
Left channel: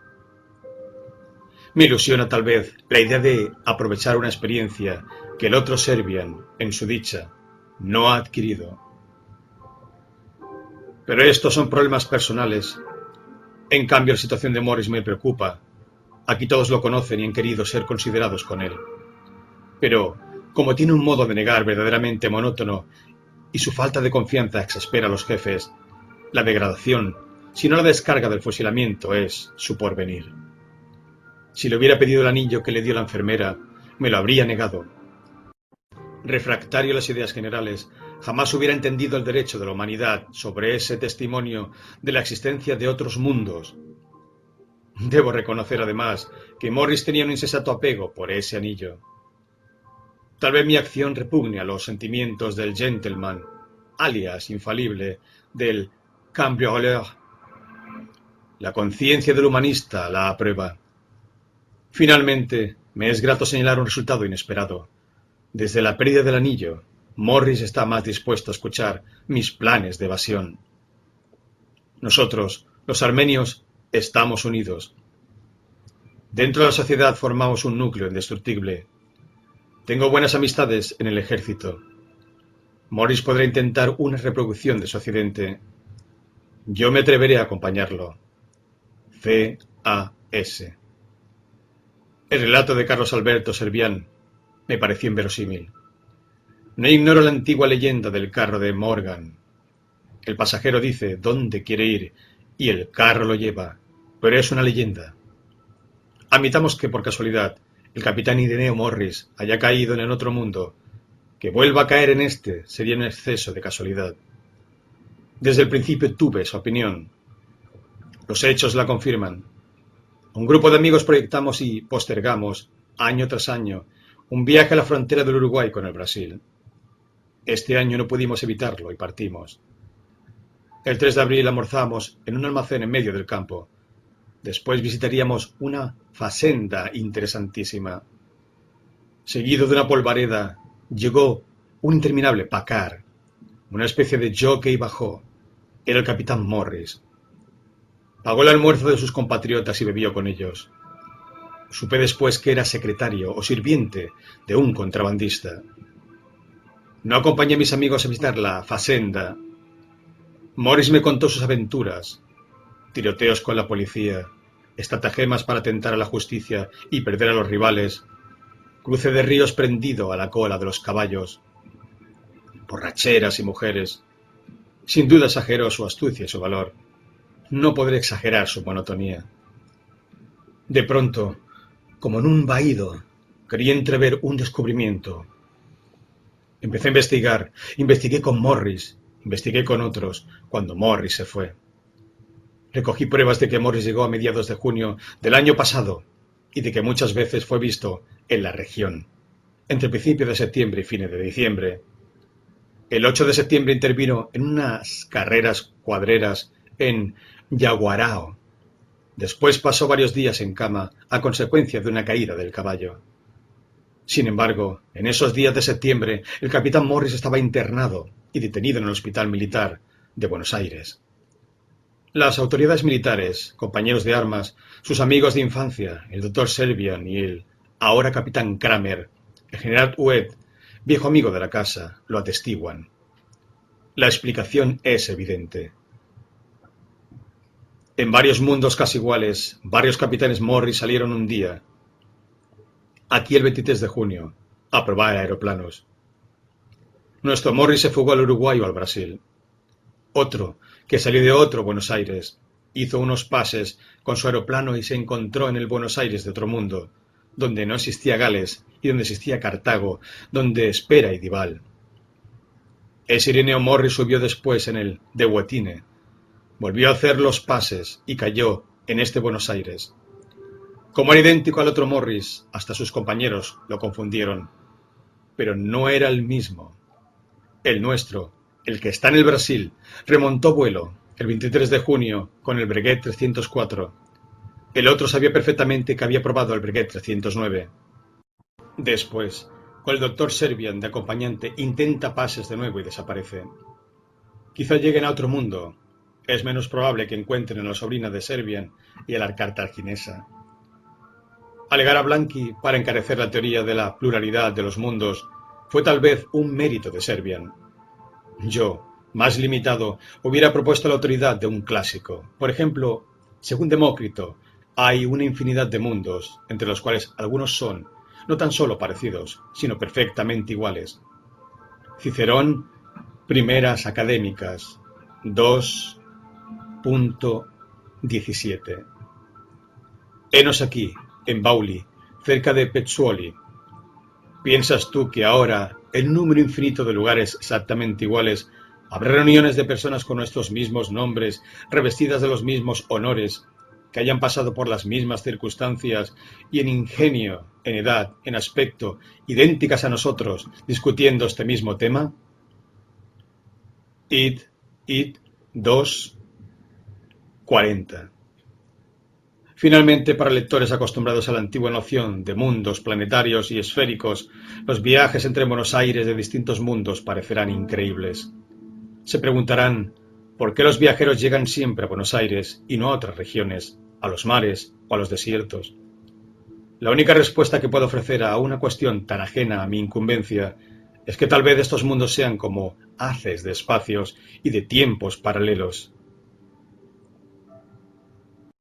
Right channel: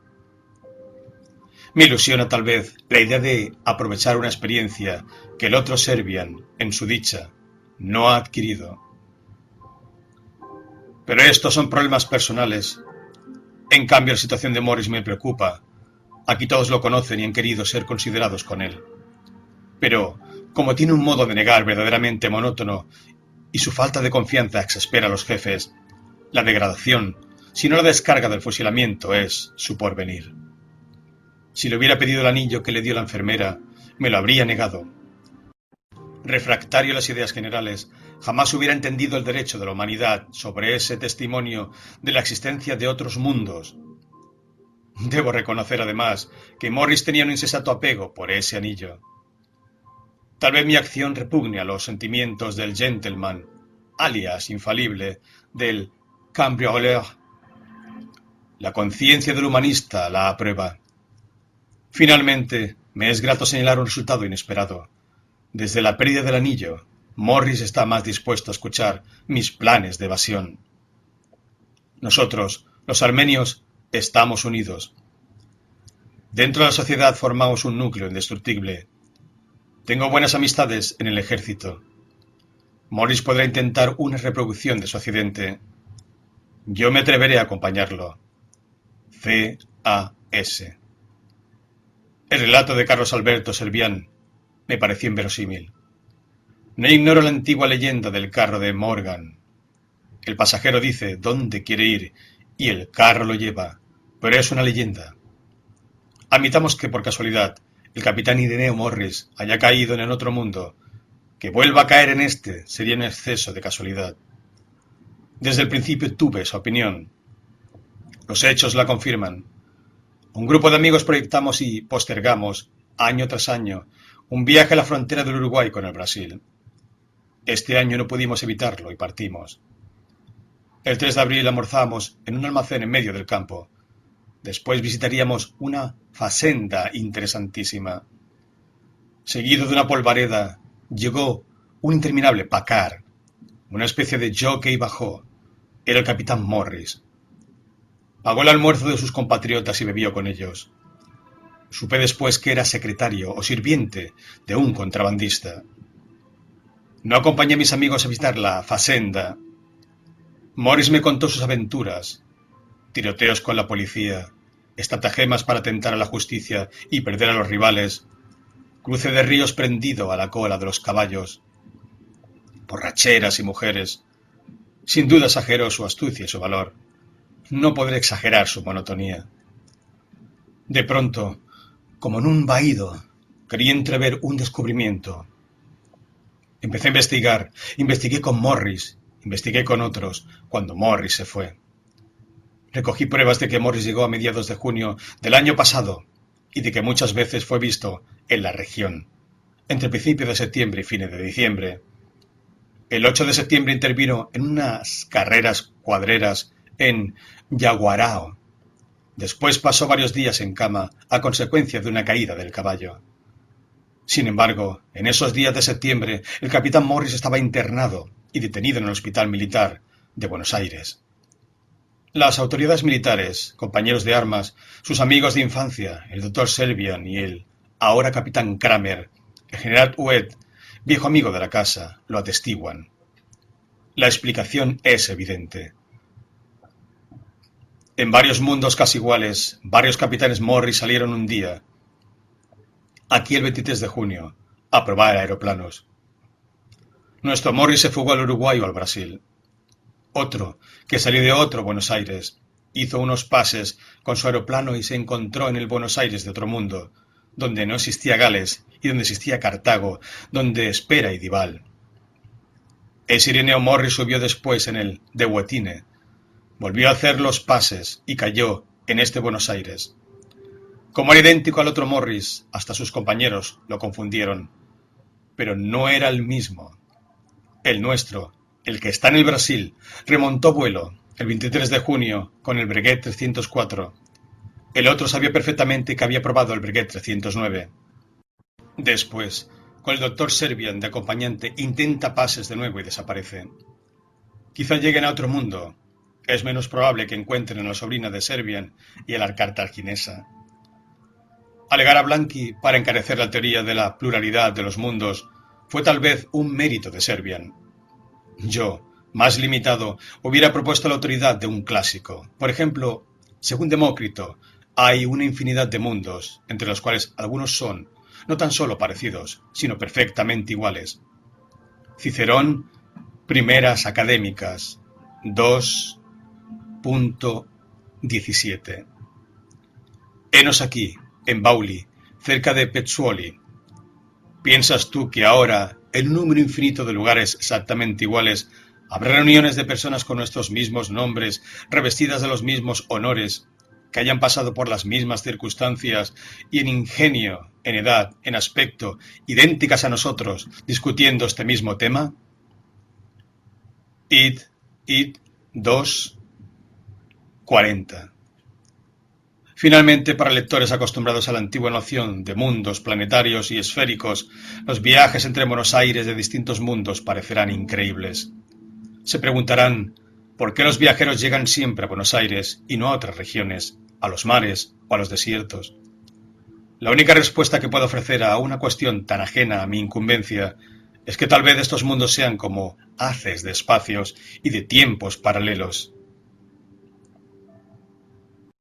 Me ilusiona tal vez la idea de aprovechar una experiencia que el otro Servian, en su dicha, no ha adquirido. Pero estos son problemas personales. En cambio, la situación de Morris me preocupa. Aquí todos lo conocen y han querido ser considerados con él. Pero, como tiene un modo de negar verdaderamente monótono y su falta de confianza exaspera a los jefes, la degradación, si no la descarga del fusilamiento, es su porvenir. Si le hubiera pedido el anillo que le dio la enfermera, me lo habría negado. Refractario a las ideas generales, jamás hubiera entendido el derecho de la humanidad sobre ese testimonio de la existencia de otros mundos. Debo reconocer, además, que Morris tenía un insensato apego por ese anillo. Tal vez mi acción repugne a los sentimientos del gentleman, alias infalible, del cambrioleur. La conciencia del humanista la aprueba. Finalmente, me es grato señalar un resultado inesperado. Desde la pérdida del anillo, Morris está más dispuesto a escuchar mis planes de evasión. Nosotros, los armenios, estamos unidos. Dentro de la sociedad formamos un núcleo indestructible. Tengo buenas amistades en el ejército. Morris podrá intentar una reproducción de su accidente. Yo me atreveré a acompañarlo. C.A.S. El relato de Carlos Alberto Servián me pareció inverosímil. No ignoro la antigua leyenda del carro de Morgan. El pasajero dice dónde quiere ir y el carro lo lleva, pero es una leyenda. Admitamos que por casualidad el capitán Ireneo Morris haya caído en el otro mundo. Que vuelva a caer en este sería un exceso de casualidad. Desde el principio tuve esa opinión. Los hechos la confirman. Un grupo de amigos proyectamos y postergamos, año tras año, un viaje a la frontera del Uruguay con el Brasil. Este año no pudimos evitarlo y partimos. El 3 de abril almorzamos en un almacén en medio del campo. Después visitaríamos una fazenda interesantísima. Seguido de una polvareda, llegó un interminable pacar, una especie de jockey bajó. Era el capitán Morris. Pagó el almuerzo de sus compatriotas y bebió con ellos. Supe después que era secretario o sirviente de un contrabandista. No acompañé a mis amigos a visitar la fazenda. Morris me contó sus aventuras, tiroteos con la policía, estratagemas para tentar a la justicia y perder a los rivales, cruce de ríos prendido a la cola de los caballos, borracheras y mujeres. Sin duda exageró su astucia y su valor. No podré exagerar su monotonía. De pronto, como en un vahido, quería entrever un descubrimiento. Empecé a investigar, investigué con Morris, investigué con otros, cuando Morris se fue. Recogí pruebas de que Morris llegó a mediados de junio del año pasado y de que muchas veces fue visto en la región, entre principios de septiembre y fines de diciembre. El 8 de septiembre intervino en unas carreras cuadreras en Yaguarao. Después pasó varios días en cama a consecuencia de una caída del caballo. Sin embargo, en esos días de septiembre, el capitán Morris estaba internado y detenido en el Hospital Militar de Buenos Aires. Las autoridades militares, compañeros de armas, sus amigos de infancia, el doctor Servian y el ahora capitán Kramer, el general Huet, viejo amigo de la casa, lo atestiguan. La explicación es evidente. En varios mundos casi iguales, varios capitanes Morris salieron un día, aquí el 23 de junio, a probar aeroplanos. Nuestro Morris se fugó al Uruguay o al Brasil. Otro, que salió de otro Buenos Aires, hizo unos pases con su aeroplano y se encontró en el Buenos Aires de otro mundo, donde no existía Gales y donde existía Cartago, donde Espera y Dival. Ese Ireneo Morris subió después en el de Huetine, volvió a hacer los pases y cayó en este Buenos Aires. Como era idéntico al otro Morris, hasta sus compañeros lo confundieron, pero no era el mismo. El nuestro, el que está en el Brasil, remontó vuelo el 23 de junio con el Breguet 304. El otro sabía perfectamente que había probado el Breguet 309. Después, con el doctor Servian de acompañante, intenta pases de nuevo y desaparece. Quizá lleguen a otro mundo. Es menos probable que encuentren a la sobrina de Servian y a la cartaginesa. Alegar a Blanqui para encarecer la teoría de la pluralidad de los mundos fue tal vez un mérito de Servian. Yo, más limitado, hubiera propuesto la autoridad de un clásico. Por ejemplo, según Demócrito, hay una infinidad de mundos, entre los cuales algunos son, no tan solo parecidos, sino perfectamente iguales. Cicerón, Primeras Académicas, 2.17. Henos aquí, en Bauli, cerca de Pezzuoli. ¿Piensas tú que ahora en un número infinito de lugares exactamente iguales, habrá reuniones de personas con nuestros mismos nombres, revestidas de los mismos honores, que hayan pasado por las mismas circunstancias y en ingenio, en edad, en aspecto, idénticas a nosotros, discutiendo este mismo tema. Id 2:40. Finalmente, para lectores acostumbrados a la antigua noción de mundos planetarios y esféricos, los viajes entre Buenos Aires de distintos mundos parecerán increíbles. Se preguntarán, ¿por qué los viajeros llegan siempre a Buenos Aires y no a otras regiones, a los mares o a los desiertos? La única respuesta que puedo ofrecer a una cuestión tan ajena a mi incumbencia es que tal vez estos mundos sean como haces de espacios y de tiempos paralelos.